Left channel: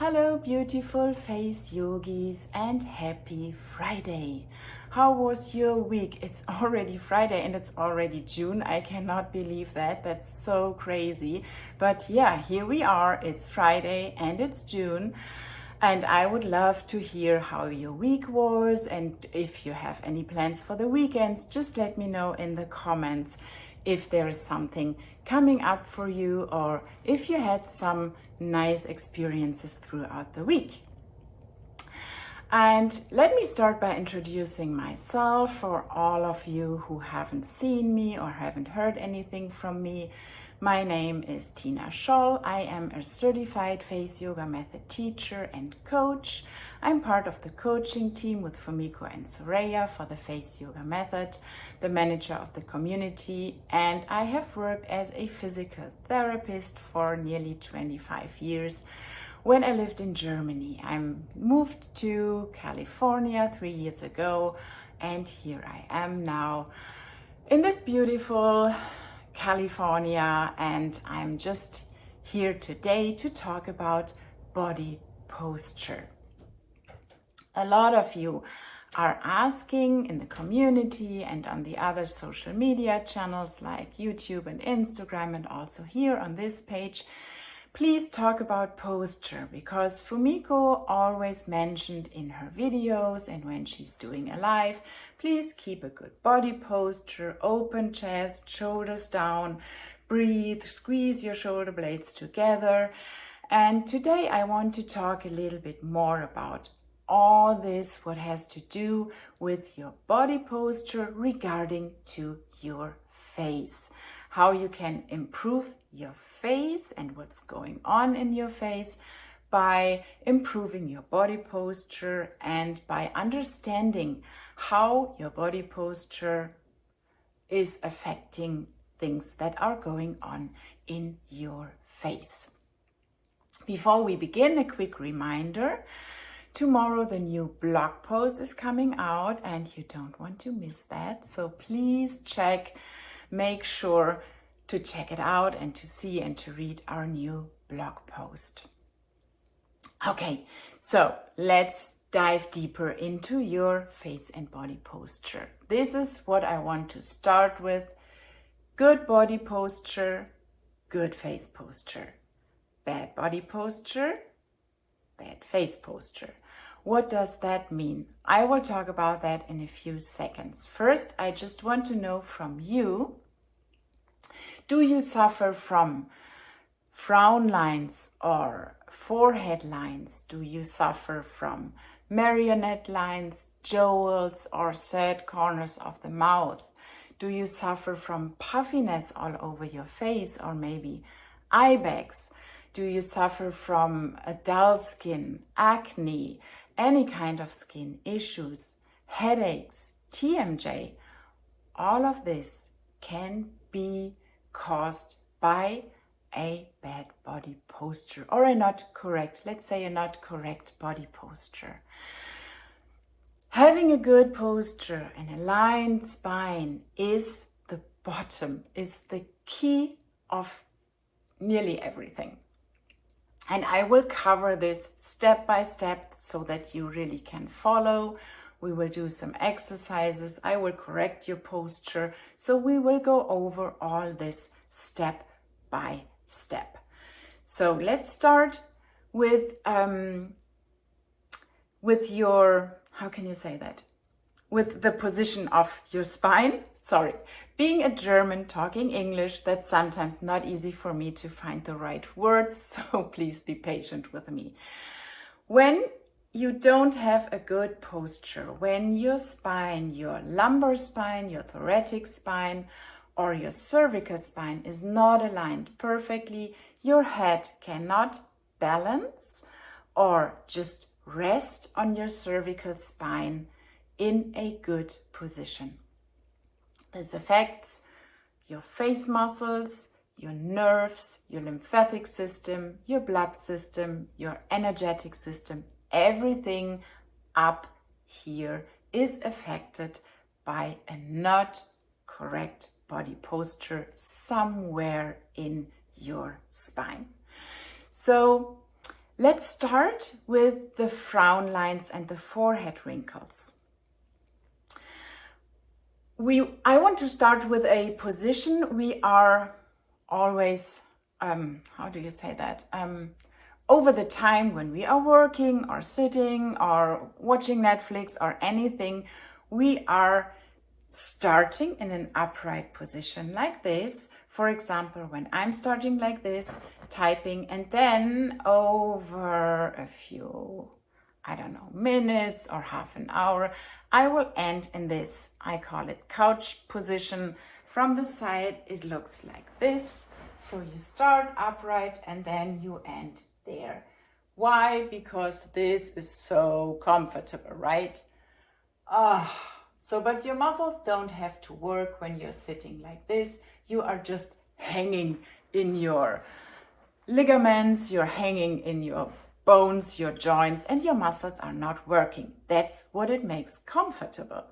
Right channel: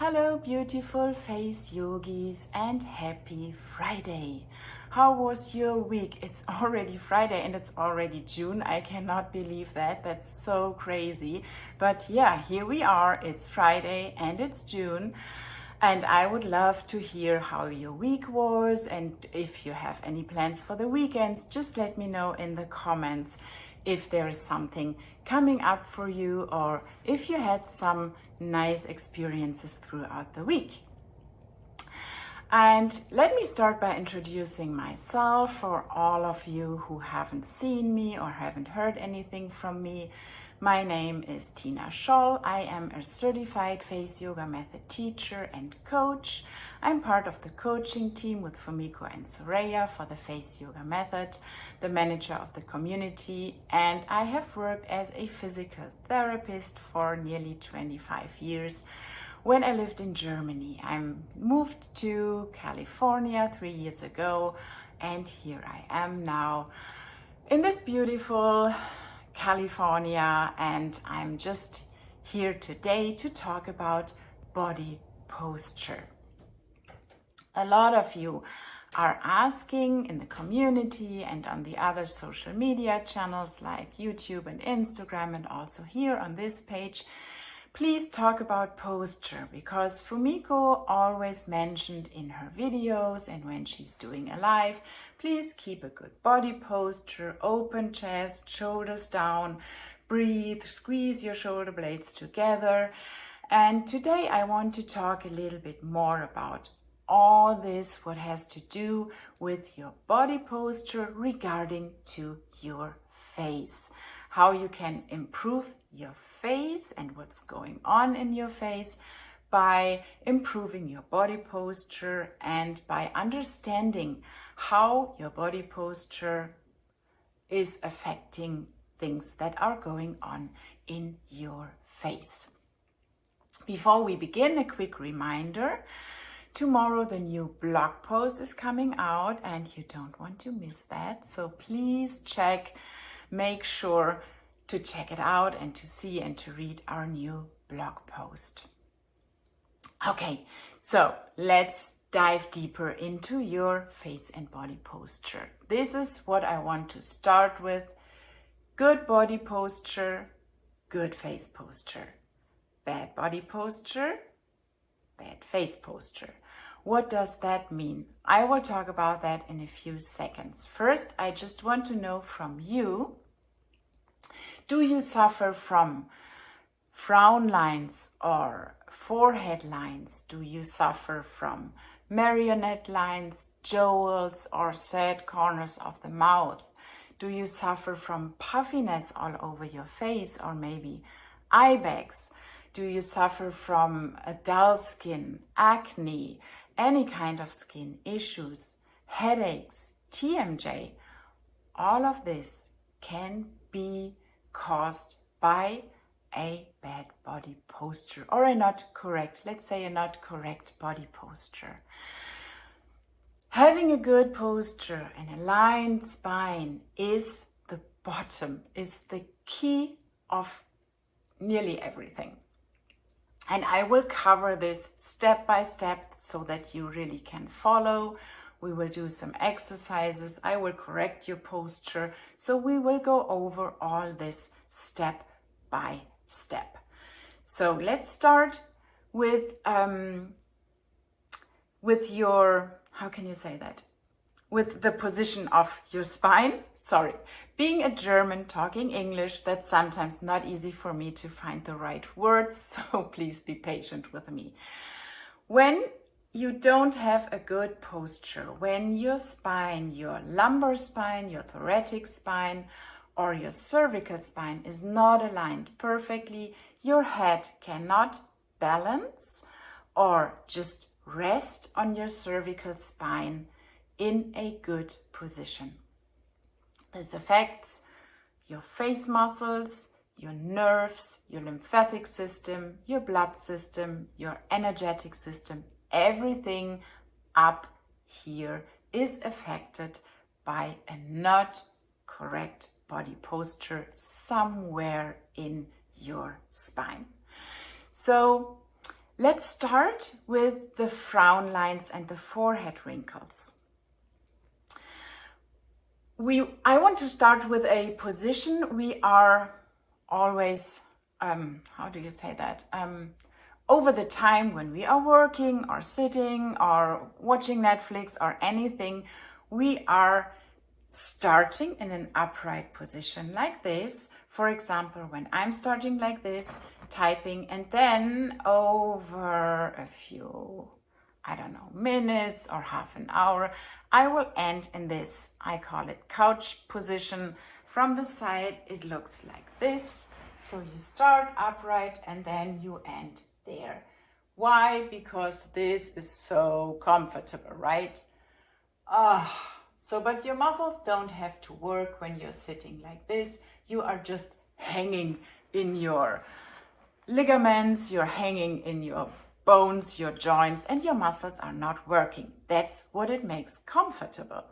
Hello, beautiful face yogis, and happy Friday. How was your week? It's already Friday and it's already June. I cannot believe that. That's so crazy. But yeah, here we are. It's Friday and it's June. And I would love to hear how your week was. And if you have any plans for the weekends, just let me know in the comments if there is something coming up for you or if you had some nice experiences throughout the week. And let me start by introducing myself for all of you who haven't seen me or haven't heard anything from me. My name is Tina Scholl. I am a certified face yoga method teacher and coach. I'm part of the coaching team with Fumiko and Soraya for the face yoga method, the manager of the community, and I have worked as a physical therapist for nearly 25 years. When I lived in Germany, I moved to California 3 years ago, and here I am now in this beautiful California, and I'm just here today to talk about body posture. A lot of you are asking in the community and on the other social media channels like YouTube and Instagram, and also here on this page, please talk about posture, because Fumiko always mentioned in her videos and when she's doing a live, please keep a good body posture, open chest, shoulders down, breathe, squeeze your shoulder blades together. And today I want to talk a little bit more about all this, what has to do with your body posture regarding to your face, how you can improve your face and what's going on in your face by improving your body posture and by understanding how your body posture is affecting things that are going on in your face. Before we begin, a quick reminder. Tomorrow the new blog post is coming out and you don't want to miss that. So please make sure to check it out and to see and to read our new blog post. Okay, so let's dive deeper into your face and body posture. This is what I want to start with. Good body posture, good face posture. Bad body posture, bad face posture. What does that mean? I will talk about that in a few seconds. First, I just want to know from you, do you suffer from frown lines or forehead lines? Do you suffer from marionette lines, jowls, or sad corners of the mouth? Do you suffer from puffiness all over your face or maybe eye bags? Do you suffer from a dull skin, acne, any kind of skin issues, headaches, TMJ? All of this can be caused by a bad body posture or a not correct body posture. Having a good posture and aligned spine is the bottom, is the key of nearly everything. And I will cover this step by step so that you really can follow. We will do some exercises. I will correct your posture. So we will go over all this step by step. So let's start with your, how can you say that? With the position of your spine. Sorry, being a German talking English, that's sometimes not easy for me to find the right words, so please be patient with me. When you don't have a good posture, when your spine, your lumbar spine, your thoracic spine, or your cervical spine is not aligned perfectly, your head cannot balance or just rest on your cervical spine in a good position. This affects your face muscles, your nerves, your lymphatic system, your blood system, your energetic system. Everything up here is affected by a not correct body posture somewhere in your spine. So Let's start with the frown lines and the forehead wrinkles. I want to start with a position we are always, how do you say that? Over the time when we are working or sitting or watching Netflix or anything, we are starting in an upright position like this. For example, when I'm starting like this, typing, and then over a few, minutes or half an hour, I will end in this, I call it couch position. From the side, it looks like this. So you start upright and then you end there. Why? Because this is so comfortable, right? But your muscles don't have to work when you're sitting like this. You are just hanging in your ligaments, you're hanging in your bones, your joints, and your muscles are not working. That's what it makes comfortable.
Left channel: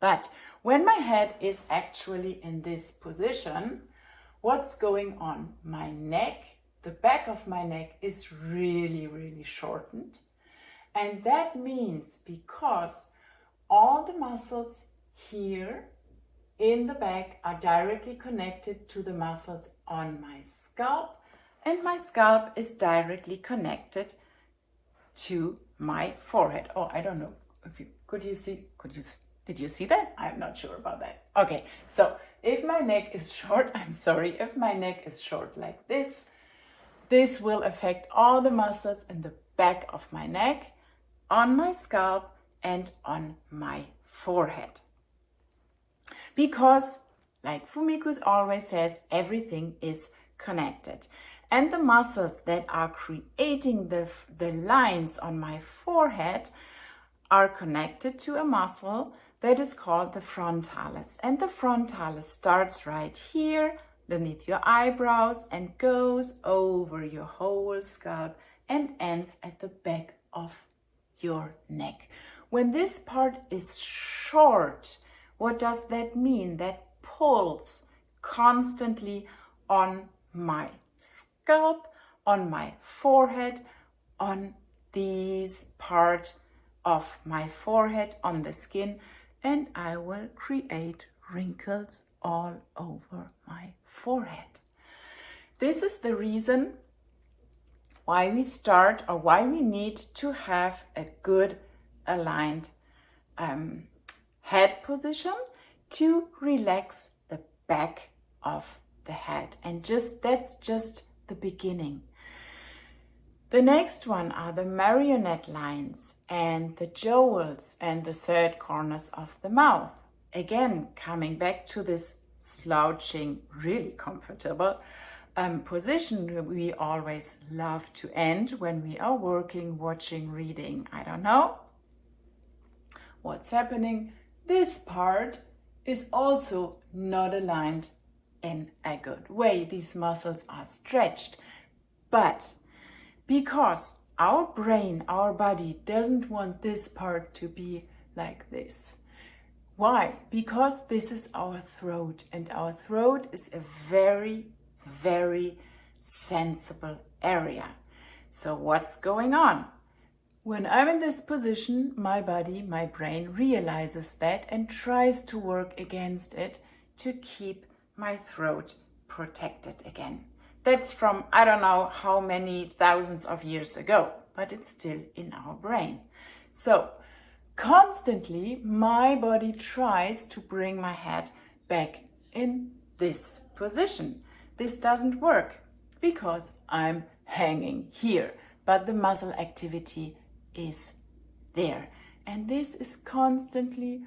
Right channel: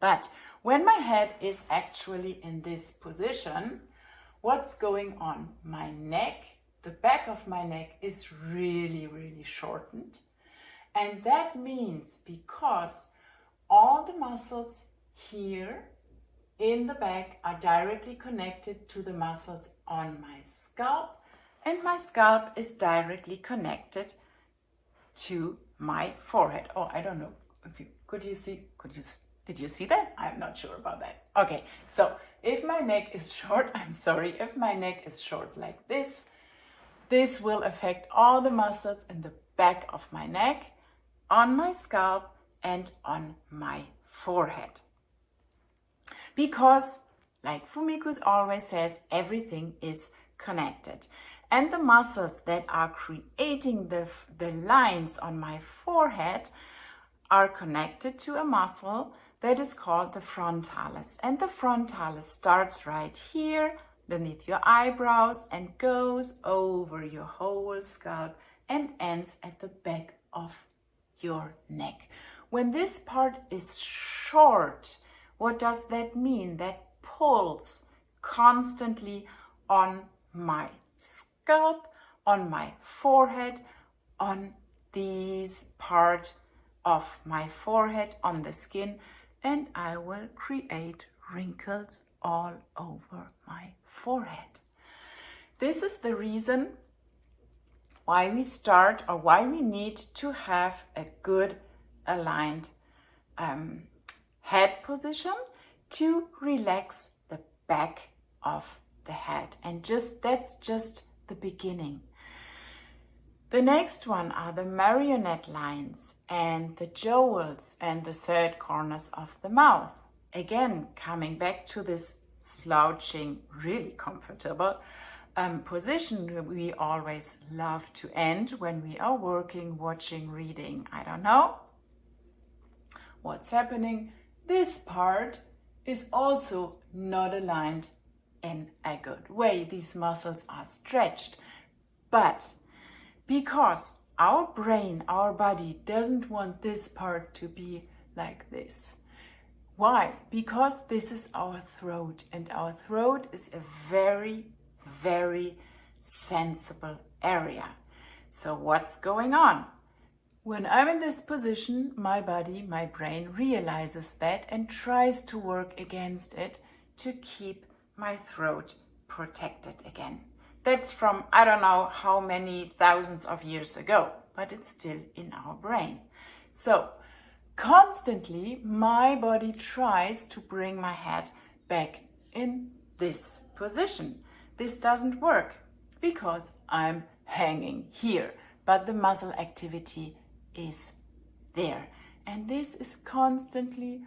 But when my head is actually in this position, what's going on? My neck, the back of my neck is really, really shortened. And that means because all the muscles here in the back are directly connected to the muscles on my scalp, and my scalp is directly connected to my forehead. Oh, I don't know. Did you see that? I'm not sure about that. Okay, so if my neck is short, if my neck is short like this, this will affect all the muscles in the back of my neck, on my scalp, and on my forehead. Because, like Fumiko always says, everything is connected. And the muscles that are creating the lines on my forehead are connected to a muscle that is called the frontalis. And the frontalis starts right here, beneath your eyebrows, and goes over your whole scalp and ends at the back of your neck. When this part is short, what does that mean? That pulls constantly on my scalp, on my forehead, on this part of my forehead, on the skin, and I will create wrinkles all over my forehead. This is the reason why we start, or why we need to have a good aligned head position to relax the back of the head. And that's just the beginning. The next one are the marionette lines and the jowls and the third corners of the mouth. Again, coming back to this slouching, really comfortable position we always love to end when we are working, watching, reading. I don't know what's happening. This part is also not aligned in a good way. These muscles are stretched, but because our brain, our body doesn't want this part to be like this. Why? Because this is our throat, and our throat is a very, very sensible area. So what's going on? When I'm in this position, my body, my brain realizes that and tries to work against it to keep my throat protected again. That's from I don't know how many thousands of years ago, but it's still in our brain. So constantly my body tries to bring my head back in this position. This doesn't work because I'm hanging here, but the muscle activity is there. And this is constantly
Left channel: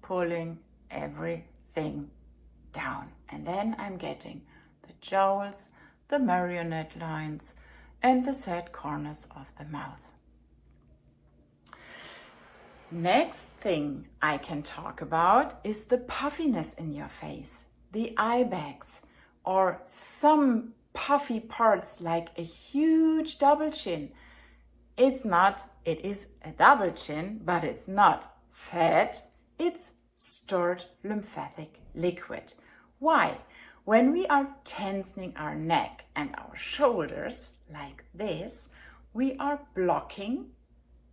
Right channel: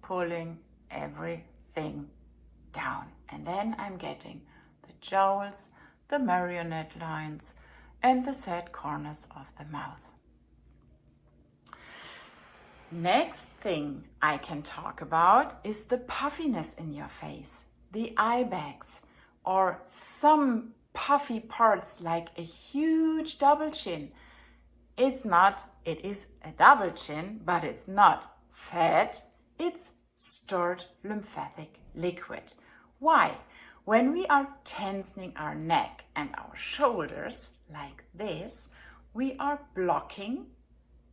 pulling everything down. And then I'm getting the jowls, the marionette lines, and the sad corners of the mouth. Next thing I can talk about is the puffiness in your face, the eye bags, or some puffy parts like a huge double chin. It is a double chin, but it's not fat, it's stored lymphatic liquid. Why? When we are tensing our neck and our shoulders like this, we are blocking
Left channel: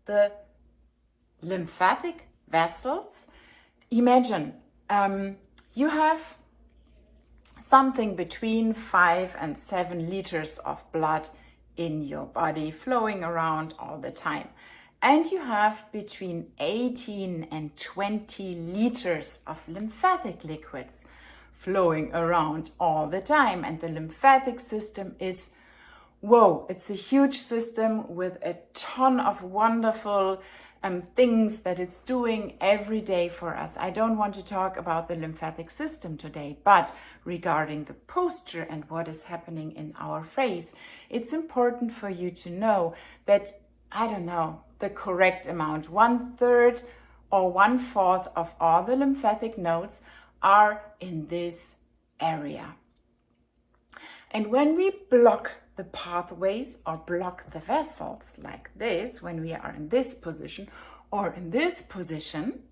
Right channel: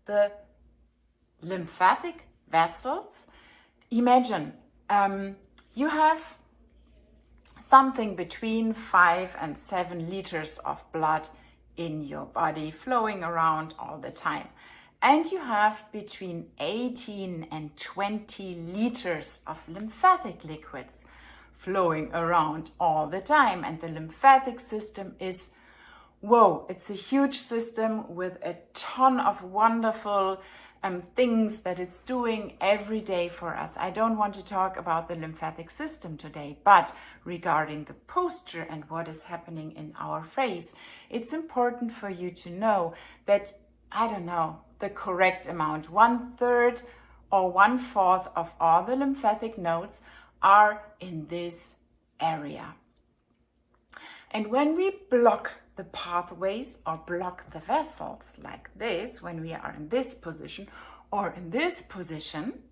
the lymphatic vessels. Imagine you have something between 5 and 7 liters of blood in your body flowing around all the time. And you have between 18 and 20 liters of lymphatic liquids flowing around all the time. And the lymphatic system is, whoa, it's a huge system with a ton of wonderful things that it's doing every day for us. I don't want to talk about the lymphatic system today, but regarding the posture and what is happening in our face, it's important for you to know that, I don't know, the correct amount, 1/3 or 1/4 of all the lymphatic nodes are in this area. And when we block the pathways or block the vessels like this, when we are in this position or in this position,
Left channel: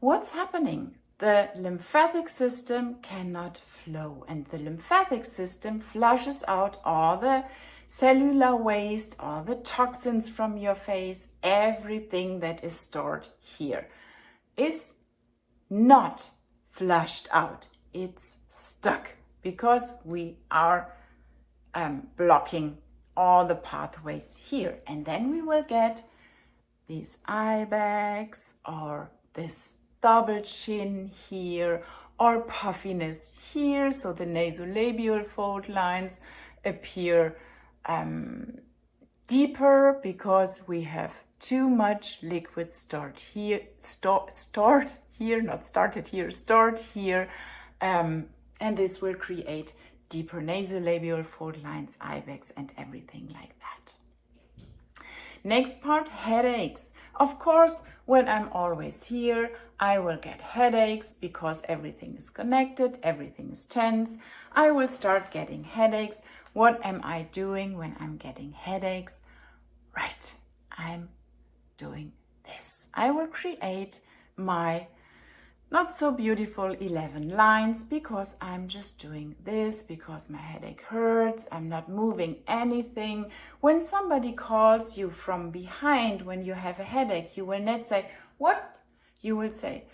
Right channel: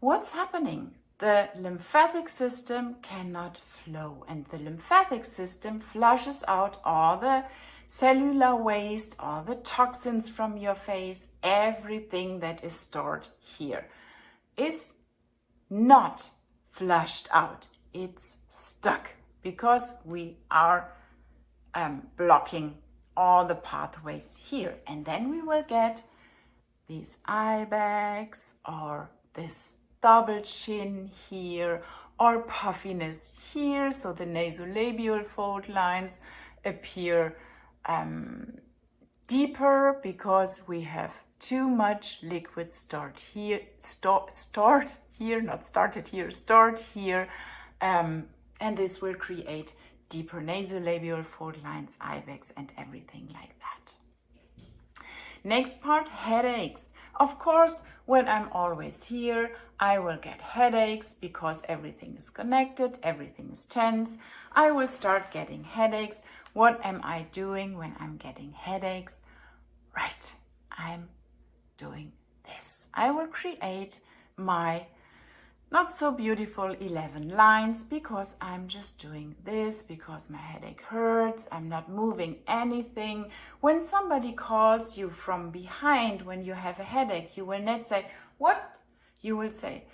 what's happening? The lymphatic system cannot flow, and the lymphatic system flushes out all the cellular waste, all the toxins from your face. Everything that is stored here is not flushed out. It's stuck because we are blocking all the pathways here. And then we will get these eye bags or this double chin here or puffiness here. So the nasolabial fold lines appear deeper because we have too much liquid stored here, and this will create deeper nasolabial fold lines, eye bags, and everything like that. Next part, headaches. Of course, when I'm always here, I will get headaches because everything is connected, everything is tense. I will start getting headaches. What am I doing when I'm getting headaches? Right, I'm doing this. I will create my not so beautiful 11 lines because I'm just doing this because my headache hurts. I'm not moving anything. When somebody calls you from behind when you have a headache, you will not say, what? You will say,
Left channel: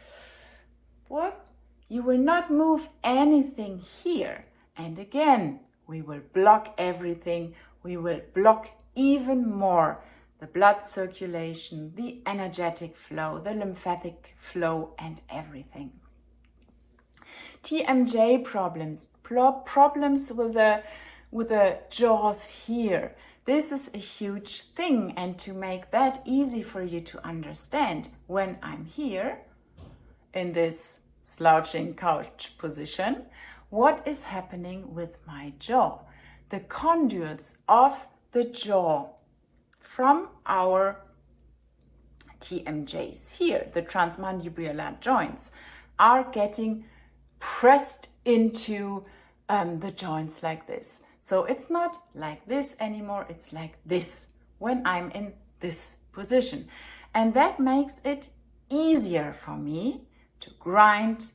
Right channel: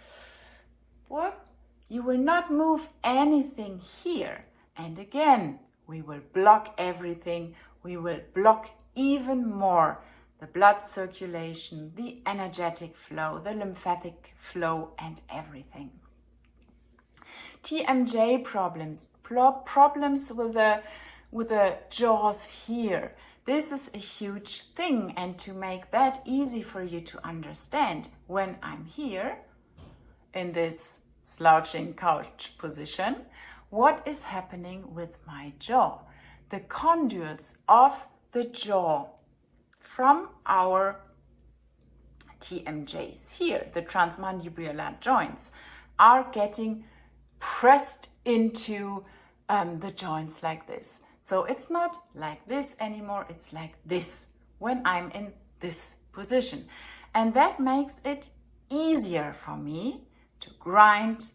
what? You will not move anything here. And again, we will block everything. We will block even more the blood circulation, the energetic flow, the lymphatic flow, and everything. TMJ problems with the jaws here. This is a huge thing, and to make that easy for you to understand, when I'm here in this slouching couch position, what is happening with my jaw? The condyles of the jaw from our TMJs here, the transmandibular joints, are getting pressed into the joints like this. So it's not like this anymore, it's like this when I'm in this position. And that makes it easier for me to grind,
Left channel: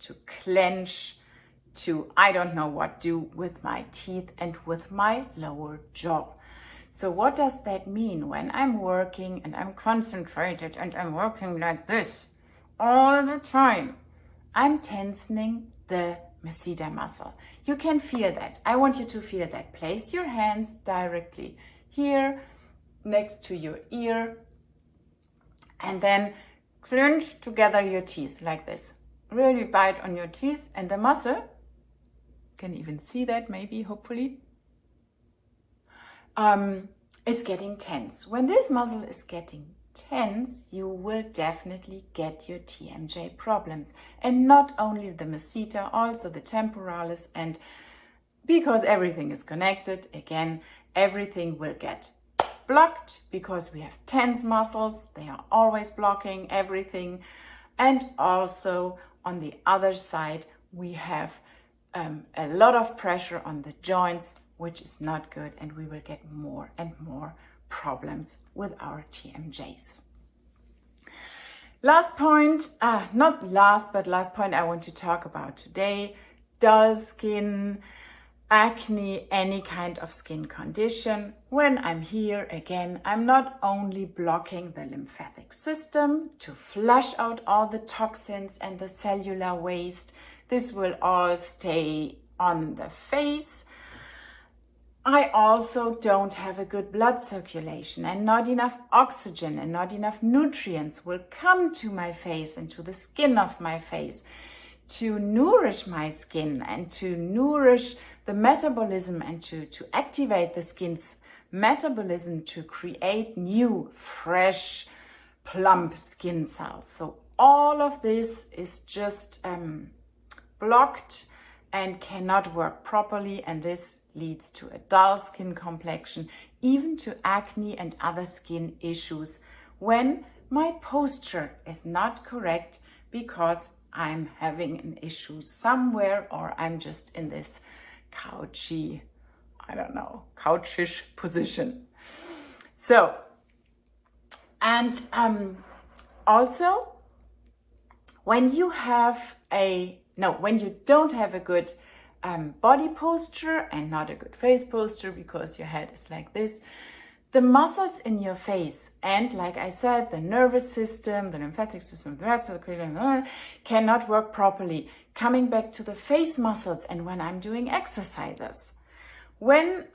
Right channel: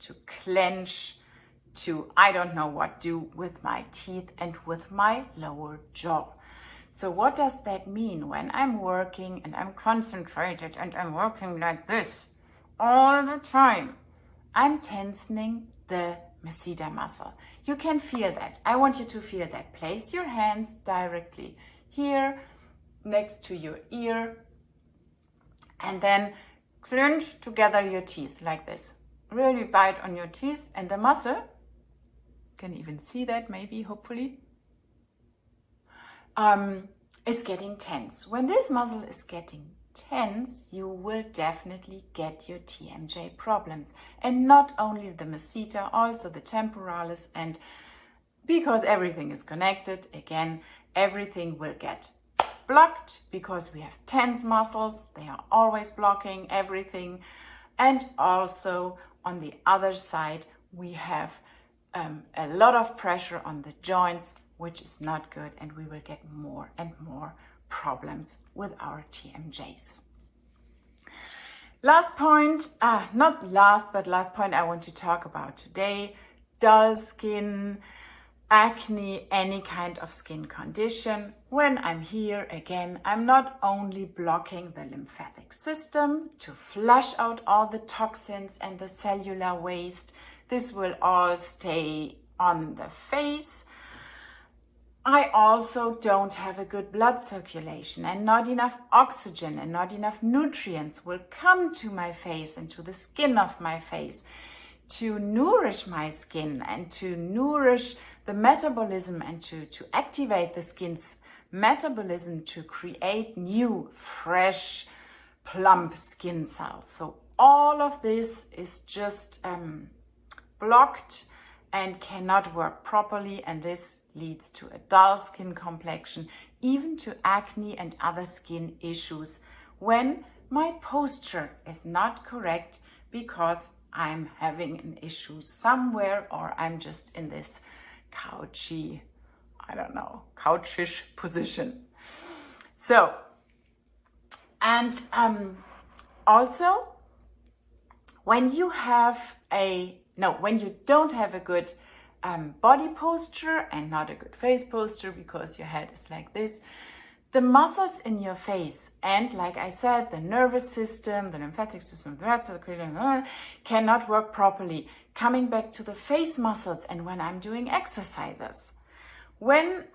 to clench, to I don't know what do with my teeth and with my lower jaw. So what does that mean when I'm working and I'm concentrated and I'm working like this all the time? I'm tensing the masseter muscle. You can feel that. I want you to feel that. Place your hands directly here next to your ear and then clench together your teeth like this. Really bite on your teeth and the muscle, you can even see that maybe, hopefully, is getting tense. When this muscle is getting tense, you will definitely get your TMJ problems. And not only the masseter, also the temporalis, and because everything is connected, again, everything will get blocked because we have tense muscles. They are always blocking everything. And also on the other side, we have a lot of pressure on the joints, which is not good, and we will get more and more problems with our TMJs. Last point, not last, but last point I want to talk about today, dull skin, acne, any kind of skin condition. When I'm here again, I'm not only blocking the lymphatic system to flush out all the toxins and the cellular waste. This will all stay on the face. I also don't have a good blood circulation, and not enough oxygen and not enough nutrients will come to my face and to the skin of my face to nourish my skin and to nourish the metabolism and to activate the skin's metabolism to create new, fresh, plump skin cells. So all of this is just blocked and cannot work properly, and this leads to a dull skin complexion, even to acne and other skin issues when my posture is not correct because I'm having an issue somewhere, or I'm just in this couchish position. So, and also when you don't have a good body posture and not a good face posture because your head is like this, the muscles in your face and, like I said, the nervous system, the lymphatic system, the blood circulation cannot work properly. Coming back to the face muscles, and when I'm doing exercises, let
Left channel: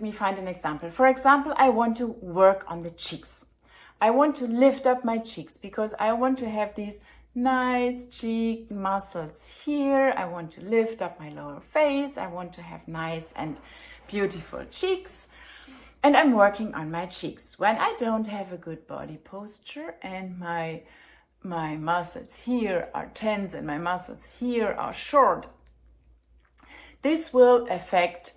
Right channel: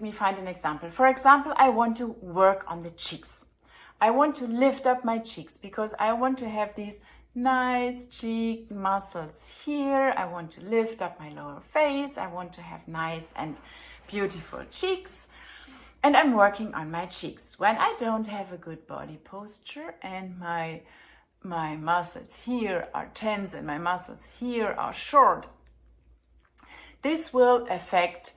me find an example. For example, I want to work on the cheeks. I want to lift up my cheeks because I want to have these nice cheek muscles here. I want to lift up my lower face. I want to have nice and beautiful cheeks, and I'm working on my cheeks. When I don't have a good body posture and my muscles here are tense and my muscles here are short, this will affect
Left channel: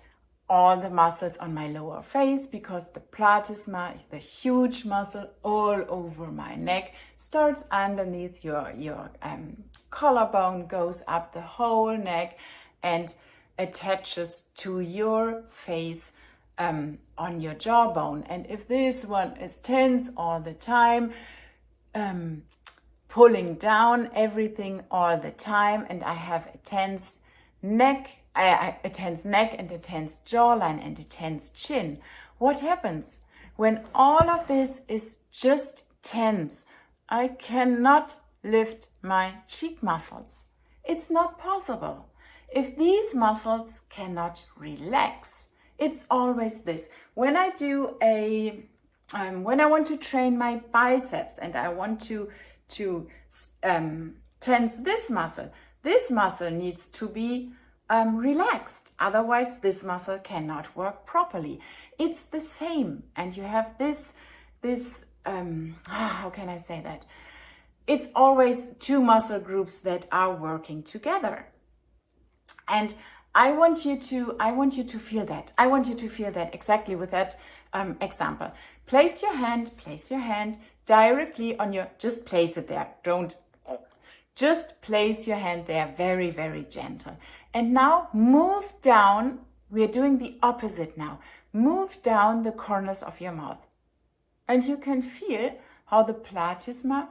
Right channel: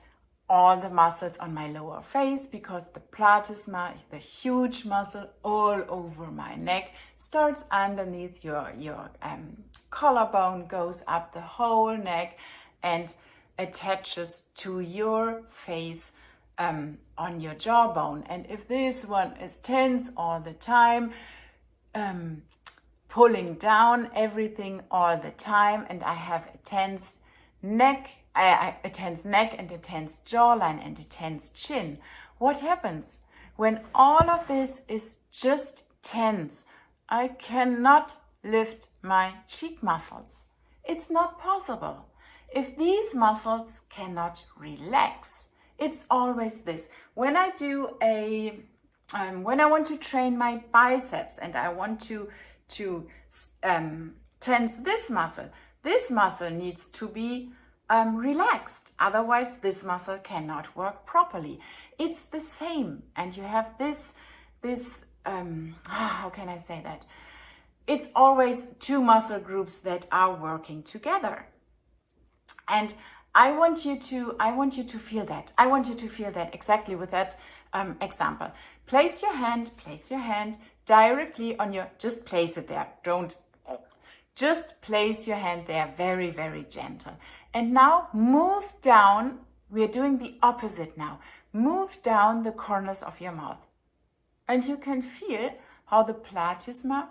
all the muscles on my lower face because the platysma, the huge muscle all over my neck, starts underneath your collarbone, goes up the whole neck and attaches to your face on your jawbone. And if this one is tense all the time, pulling down everything all the time, and I have a tense neck and a tense jawline and a tense chin, what happens? When all of this is just tense, I cannot lift my cheek muscles. It's not possible. If these muscles cannot relax, it's always this. When I do when I want to train my biceps and I want to tense this muscle needs to be relaxed. Otherwise, this muscle cannot work properly. It's the same, and you have this. How can I say that? It's always two muscle groups that are working together. And I want you to feel that. I want you to feel that exactly with that example. Place your hand directly on your, just place it there. Just place your hand there, very, very gentle. And now move down. We're doing the opposite now. Move down the corners of your mouth. And you can feel how the platysma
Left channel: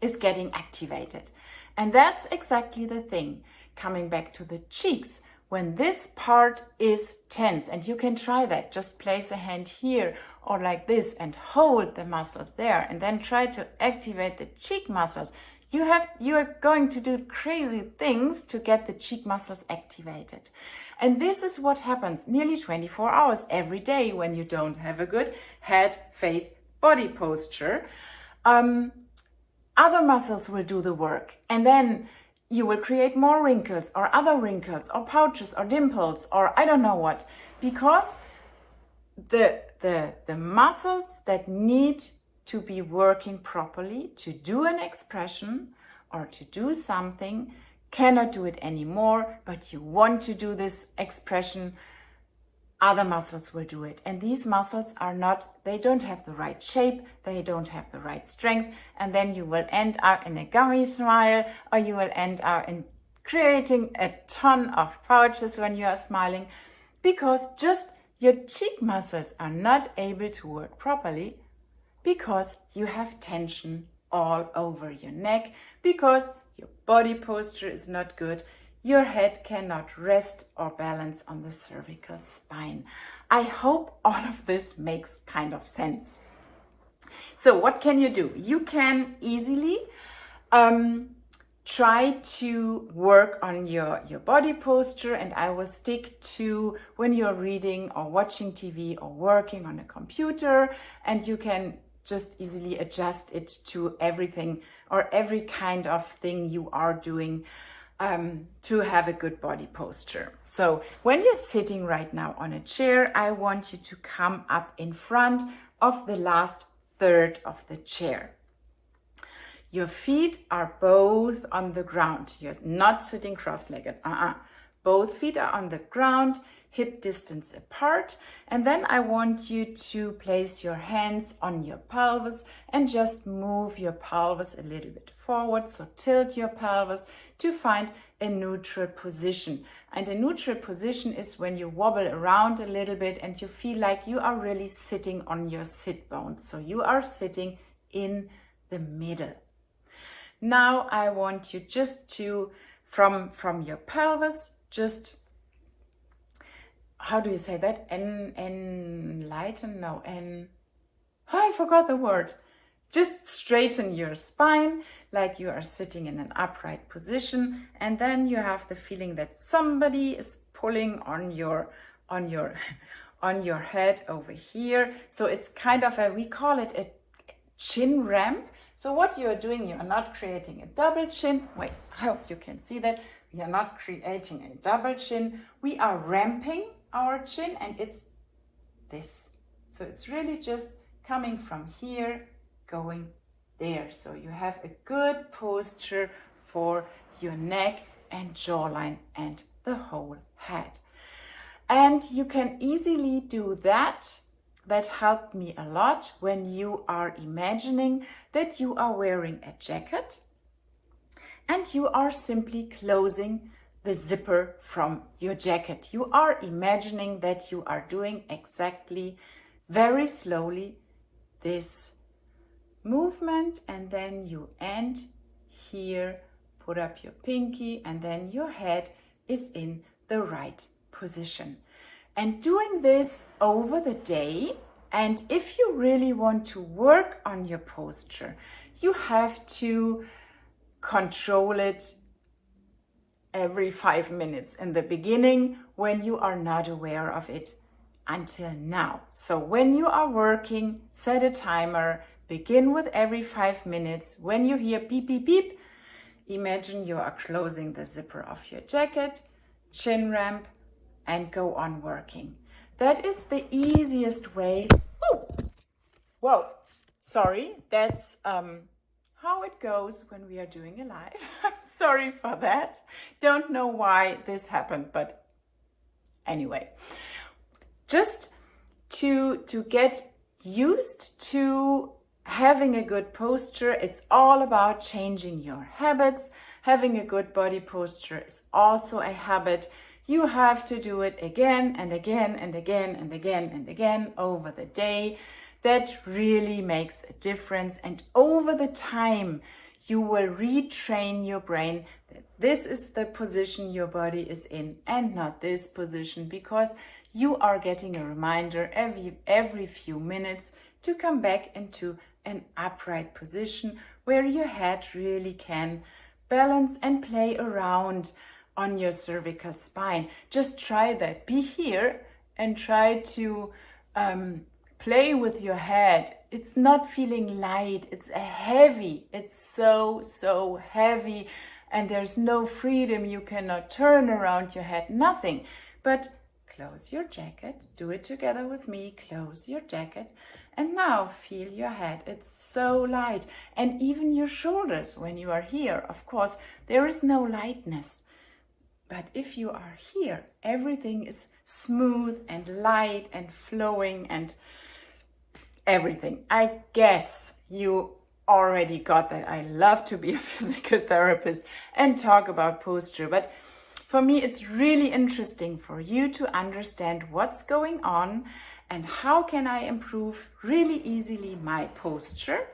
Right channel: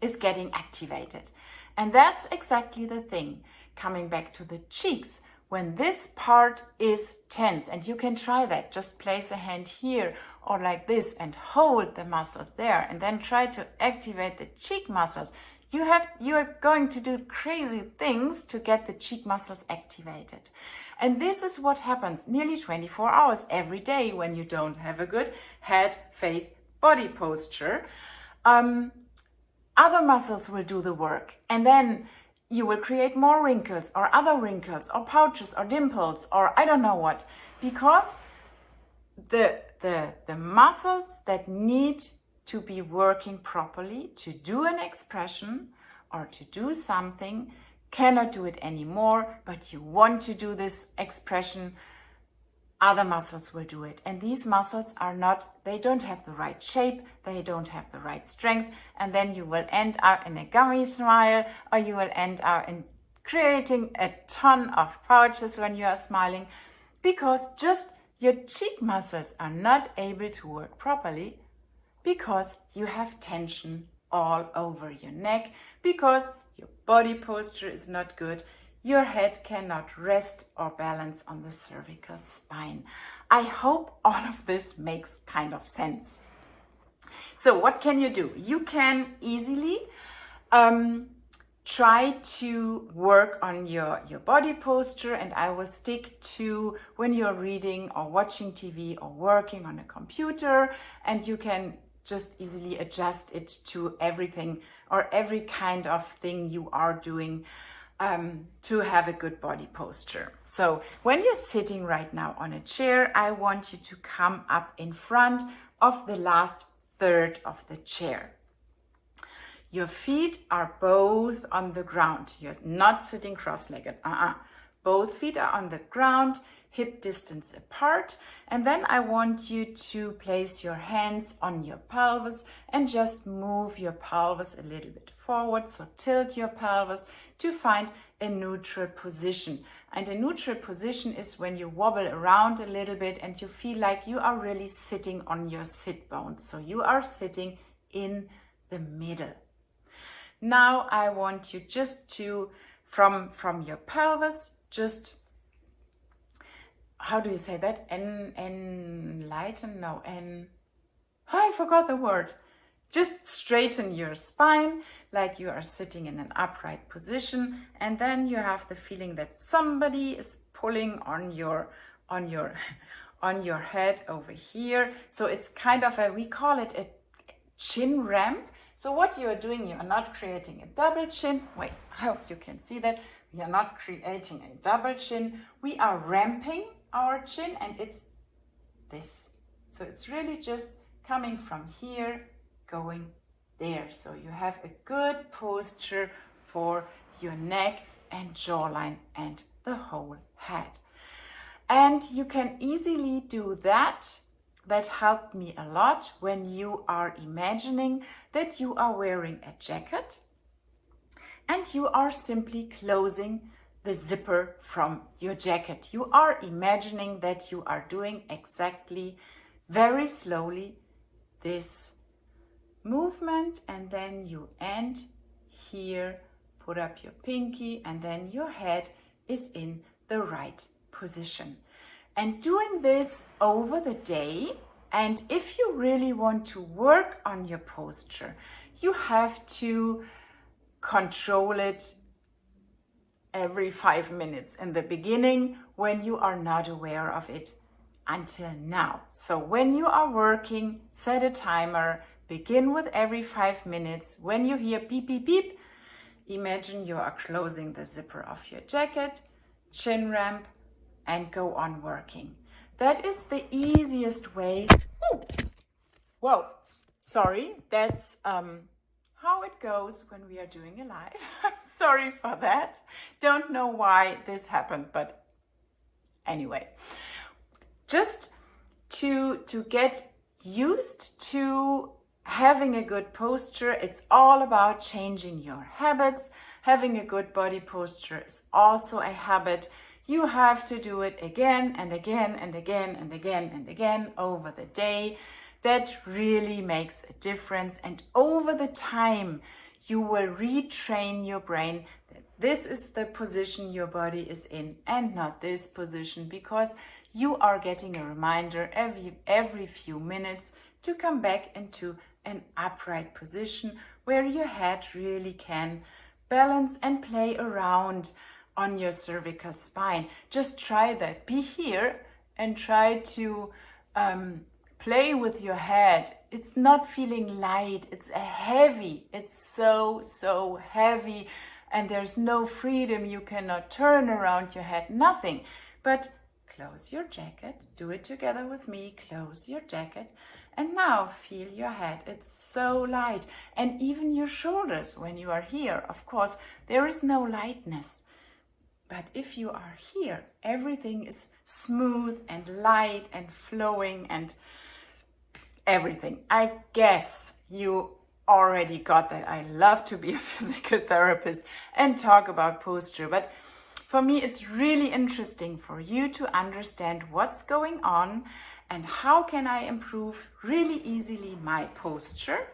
is getting activated. And that's exactly the thing. Coming back to the cheeks, when this part is tense, and you can try that, just place a hand here or like this and hold the muscles there and then try to activate the cheek muscles. You are going to do crazy things to get the cheek muscles activated. And this is what happens nearly 24 hours every day when you don't have a good head, face, body posture. Other muscles will do the work, and then you will create more wrinkles or other wrinkles or pouches or dimples or I don't know what, because the muscles that need to be working properly to do an expression or to do something cannot do it anymore, but you want to do this expression, other muscles will do it. And these muscles they don't have the right shape, they don't have the right strength, and then you will end up in a gummy smile, or you will end up in creating a ton of pouches when you are smiling, because just your cheek muscles are not able to work properly because you have tension all over your neck, because your body posture is not good. your head cannot rest or balance on the cervical spine. I hope all of this makes kind of sense. So what can you do? You can easily try to work on your body posture, and I will stick to when you're reading or watching TV or working on a computer, and you can just easily adjust it to everything or every kind of thing you are doing to have a good body posture. So when you're sitting right now on a chair, I want you to come up in front of the last third of the chair. Your feet are both on the ground. You're not sitting cross-legged. Both feet are on the ground, hip distance apart. And then I want you to place your hands on your pelvis and just move your pelvis a little bit forward. So tilt your pelvis to find a neutral position. And a neutral position is when you wobble around a little bit and you feel like you are really sitting on your sit bones. So you are sitting in the middle. Now I want you just to, from your pelvis, just, how do you say that? Enlighten? No, I forgot the word. Just straighten your spine like you are sitting in an upright position, and then you have the feeling that somebody is pulling on your head over here. So it's kind of we call it a chin ramp. So what you are doing, you are not creating a double chin. Wait, I hope you can see that. We are not creating a double chin. We are ramping our chin, and it's this. So it's really just coming from here, going there. So you have a good posture for your neck and jawline and the whole head. And you can easily do that. That helped me a lot when you are imagining that you are wearing a jacket and you are simply closing the zipper from your jacket. You are imagining that you are doing exactly, very slowly, this movement, and then you end here, put up your pinky, and then your head is in the right position. And doing this over the day, and if you really want to work on your posture, you have to control it every 5 minutes in the beginning when you are not aware of it until now. So when you are working, set a timer, begin with every 5 minutes. When you hear beep, beep, beep, imagine you are closing the zipper of your jacket, chin ramp, and go on working. That is the easiest way. Whoa, sorry, that's how it goes when we are doing a live. I'm sorry for that. Don't know why this happened, but anyway. Just to get used to having a good posture, it's all about changing your habits. Having a good body posture is also a habit. You have to do it again and again and again and again and again over the day. That really makes a difference. And over the time, you will retrain your brain that this is the position your body is in and not this position, because you are getting a reminder every few minutes to come back into an upright position where your head really can balance and play around on your cervical spine. Just try that. Be here and try to play with your head. It's not feeling light, it's heavy. It's so heavy, and there's no freedom. You cannot turn around your head, nothing. But close your jacket. Do it together with me. Close your jacket. And now feel your head. It's so light. And even your shoulders when you are here. Of course, there is no lightness. But if you are here, everything is smooth and light and flowing and everything. I guess you already got that. I love to be a physical therapist and talk about posture. But for me, it's really interesting for you to understand what's going on and how can I improve really easily my posture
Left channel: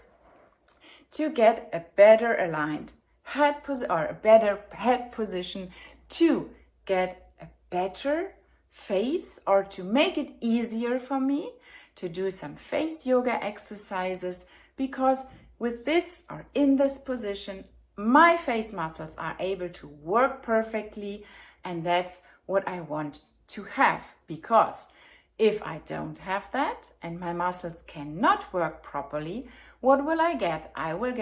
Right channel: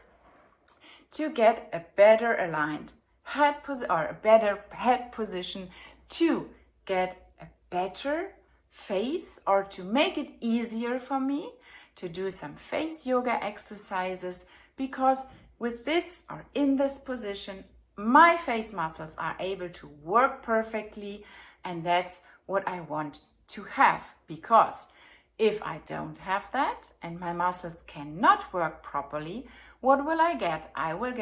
to get a better aligned head or a better head position to get a better face, or to make it easier for me to do some face yoga exercises, because with this or in this position, my face muscles are able to work perfectly, and that's what I want to have. Because if I don't have that and my muscles cannot work properly, what will I get? I will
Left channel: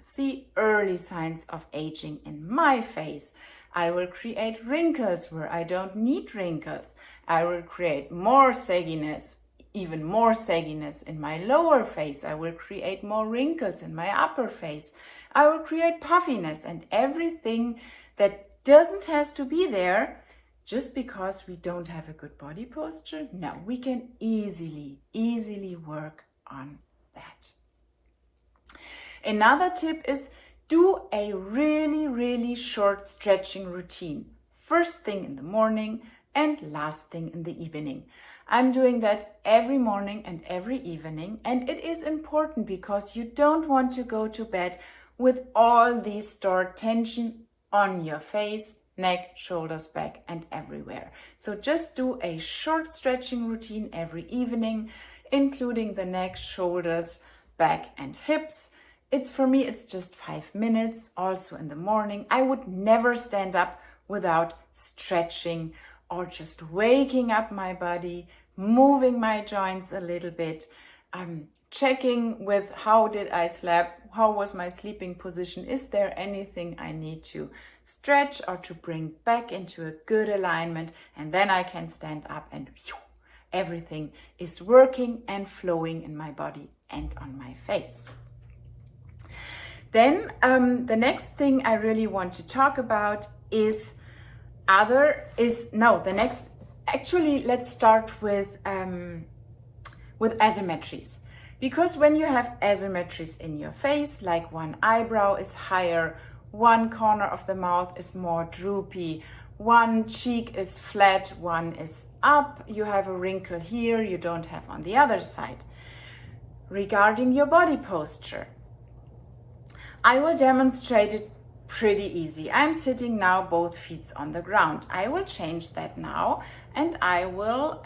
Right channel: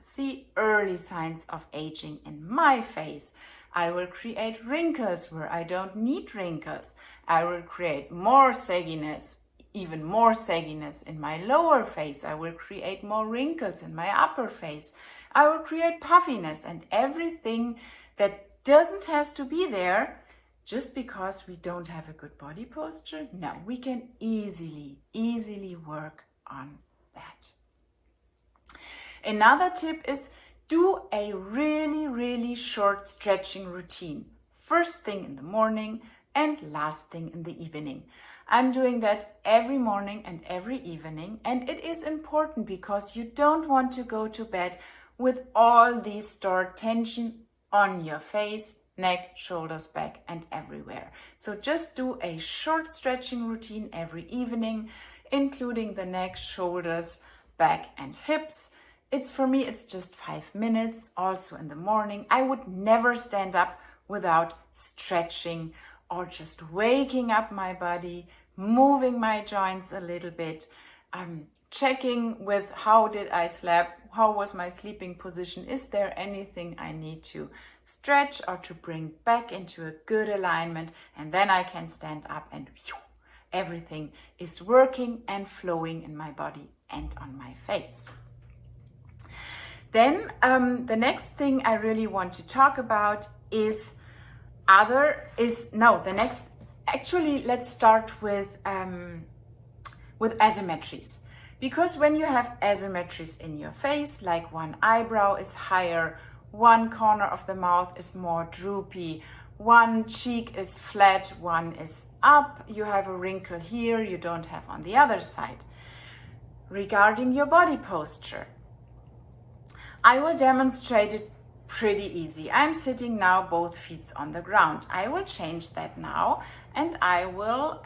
see early signs of aging in my face. I will create wrinkles where I don't need wrinkles. I will create more sagginess, even more sagginess in my lower face. I will create more wrinkles in my upper face. I will create puffiness and everything that doesn't have to be there just because we don't have a good body posture. No, we can easily work on that. Another tip is do a really short stretching routine. First thing in the morning and last thing in the evening. I'm doing that every morning and every evening, and it is important because you don't want to go to bed with all these stored tension on your face, neck, shoulders, back, and everywhere. So just do a short stretching routine every evening, including the neck, shoulders, back, and hips. For me, it's just 5 minutes. Also in the morning, I would never stand up without stretching or just waking up my body, moving my joints a little bit, checking with how did I sleep, how was my sleeping position, is there anything I need to stretch or to bring back into a good alignment, and then I can stand up and everything is working and flowing in my body and on my face. Then the next thing I really want to talk about let's start with asymmetries. Because when you have asymmetries in your face, like one eyebrow is higher, one corner of the mouth is more droopy, one cheek is flat, one is up, you have a wrinkle here you don't have on the other side. Regarding your body posture, I will demonstrate it pretty easy. I'm sitting now both feet on the ground. I will change that now, and I will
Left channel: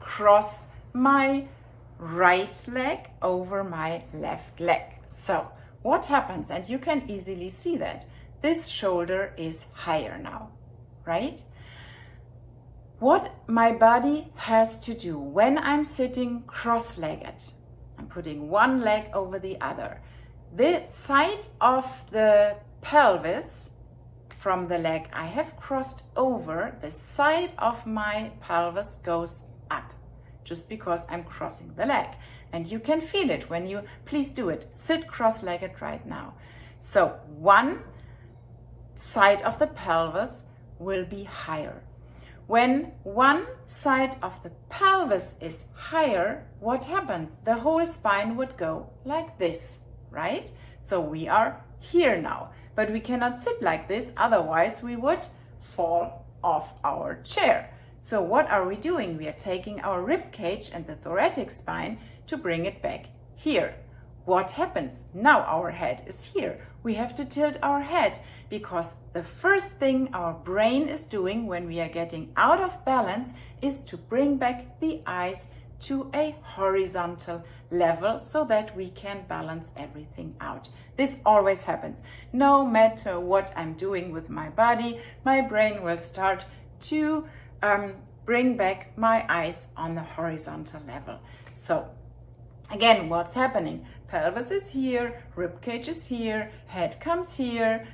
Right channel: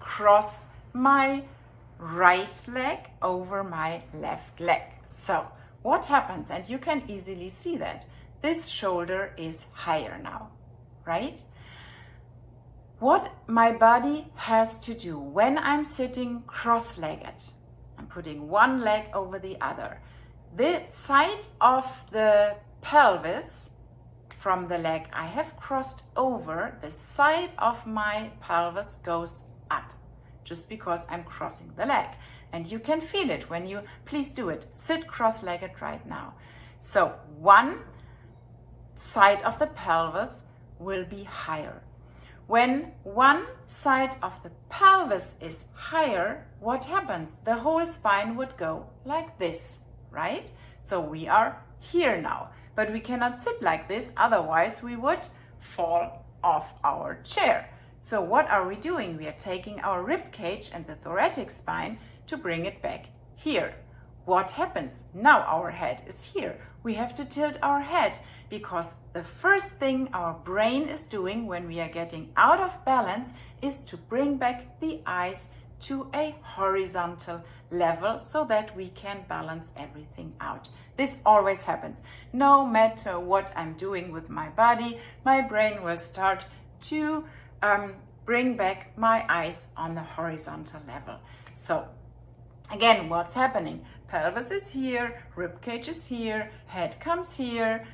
cross my right leg over my left leg. So what happens, and you can easily see that this shoulder is higher now, right? What my body has to do when I'm sitting cross-legged, I'm putting one leg over the other. The side of the pelvis from the leg I have crossed over, the side of my pelvis goes up just because I'm crossing the leg. And you can feel it when you, please do it. Sit cross-legged right now. So one side of the pelvis will be higher. When one side of the pelvis is higher, what happens? The whole spine would go like this, right? So we are here now, but we cannot sit like this, otherwise we would fall off our chair. So what are we doing? We are taking our rib cage and the thoracic spine to bring it back here. What happens? Now our head is here. We have to tilt our head because the first thing our brain is doing when we are getting out of balance is to bring back the eyes to a horizontal level so that we can balance everything out. This always happens. No matter what I'm doing with my body, my brain will start to bring back my eyes on the horizontal level. So again, what's happening? Pelvis is here, rib cage is here, head comes here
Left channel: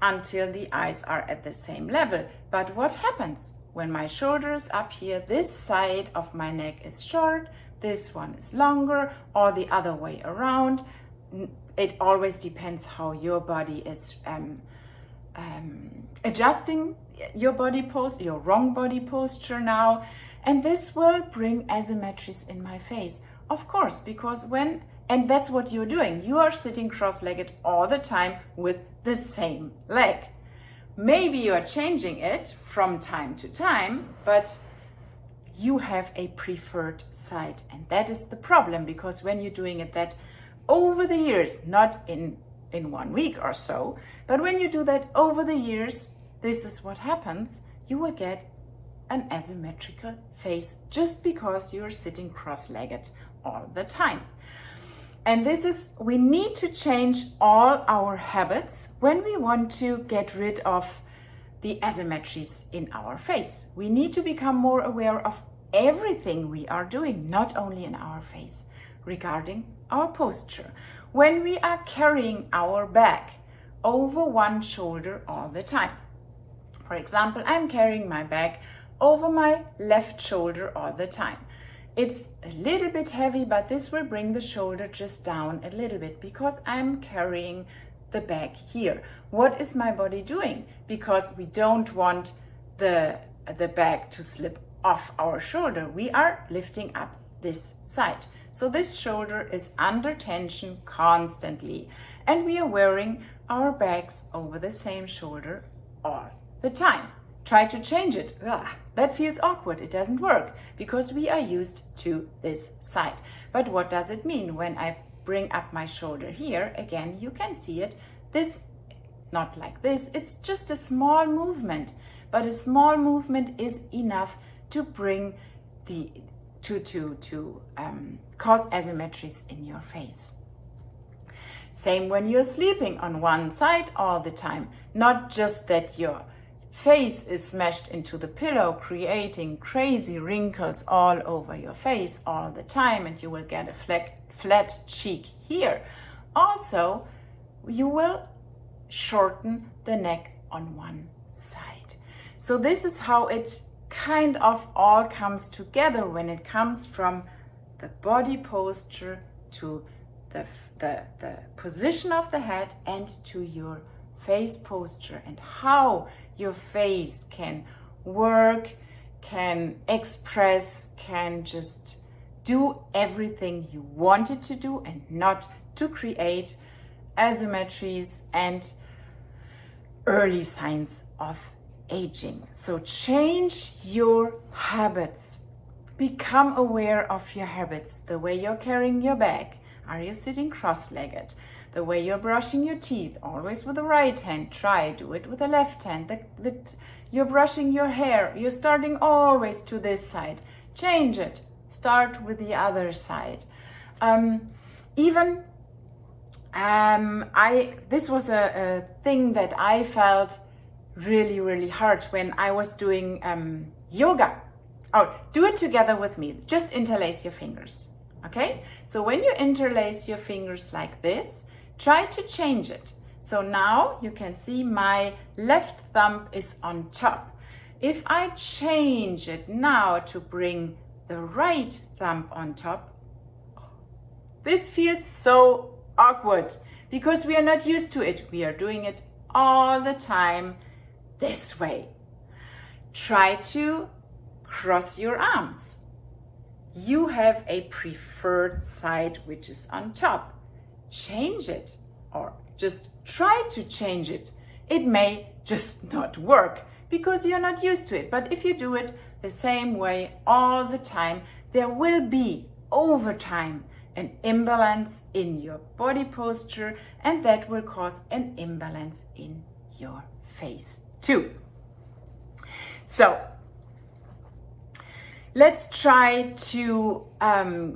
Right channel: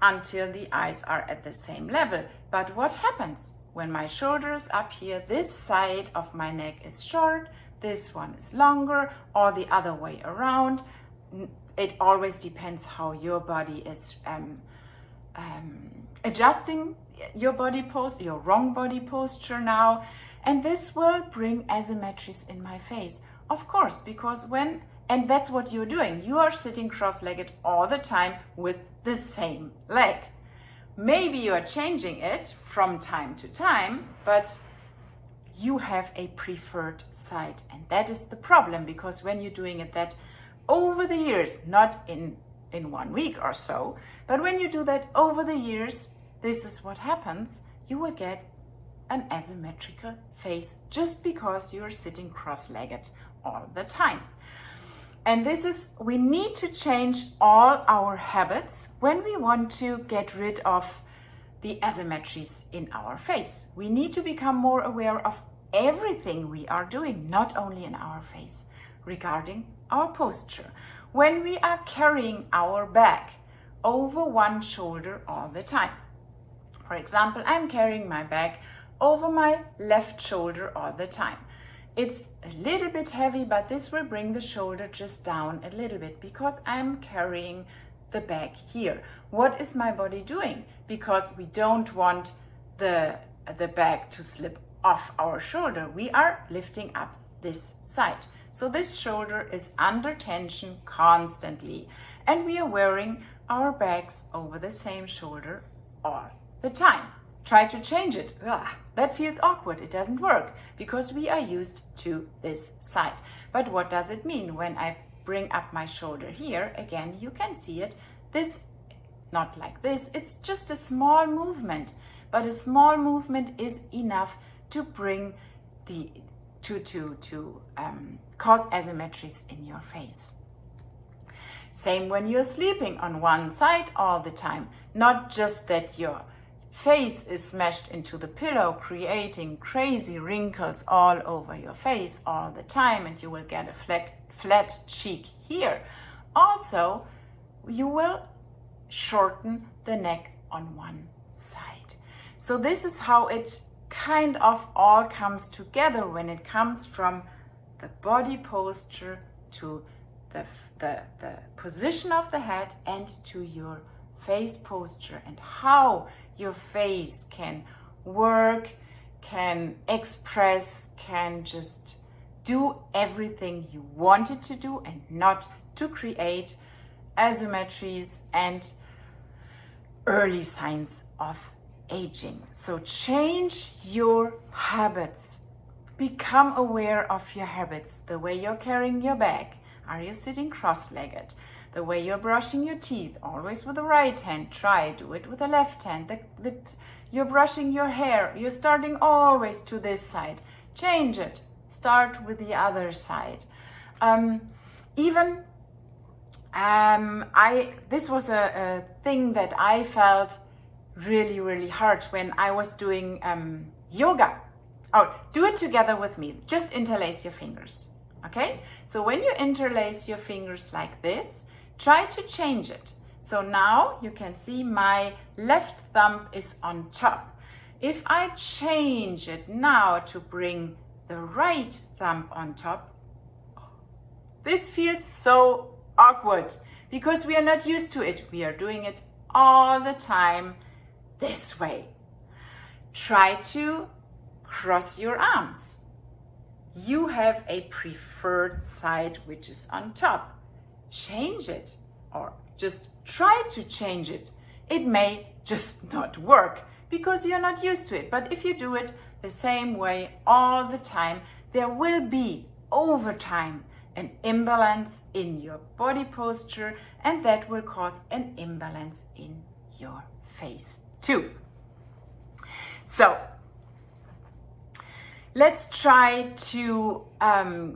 until the eyes are at the same level. But what happens? When my shoulder is up here, this side of my neck is short, this one is longer, or the other way around. It always depends how your body is adjusting your body posture, your wrong body posture now. And this will bring asymmetries in my face. Of course, because and that's what you're doing. You are sitting cross-legged all the time with the same leg. Maybe you are changing it from time to time, but you have a preferred side. And that is the problem, because when you're doing it that over the years, not in 1 week or so, but when you do that over the years, this is what happens. You will get an asymmetrical face just because you're sitting cross-legged all the time. And we need to change all our habits when we want to get rid of the asymmetries in our face. We need to become more aware of everything we are doing, not only in our face, regarding our posture. When we are carrying our bag over one shoulder all the time. For example, I'm carrying my bag over my left shoulder all the time. It's a little bit heavy, but this will bring the shoulder just down a little bit because I'm carrying the bag here. What is my body doing? Because we don't want the bag to slip off our shoulder. We are lifting up this side. So this shoulder is under tension constantly, and we are wearing our bags over the same shoulder all the time. Try to change it. That feels awkward. It doesn't work because we are used to this side. But what does it mean when I bring up my shoulder here? Again, you can see it. This, not like this. It's just a small movement, but a small movement is enough to bring cause asymmetries in your face. Same when you're sleeping on one side all the time. Not just that your face is smashed into the pillow, creating crazy wrinkles all over your face all the time, and you will get a flat cheek here. Also, you will shorten the neck on one side. So this is how it kind of all comes together when it comes from the body posture to the position of the head and to your face posture, and how your face can work, can express, can just do everything you want it to do, and not to create asymmetries and early signs of aging. So change your habits. Become aware of your habits. The way you're carrying your bag. Are you sitting cross-legged? The way you're brushing your teeth, always with the right hand. Try, do it with the left hand. You're brushing your hair. You're starting always to this side. Change it. Start with the other side. This was a thing that I felt really, really hard when I was doing yoga. Oh, do it together with me. Just interlace your fingers. Okay? So when you interlace your fingers like this, try to change it. So now you can see my left thumb is on top. If I change it now to bring the right thumb on top, this feels so awkward because we are not used to it. We are doing it all the time this way. Try to cross your arms. You have a preferred side which is on top. Change it, or just try to change it. It may just not work because you're not used to it. But if you do it the same way all the time, there will be over time an imbalance in your body posture, and that will cause an imbalance in your face too. So let's try to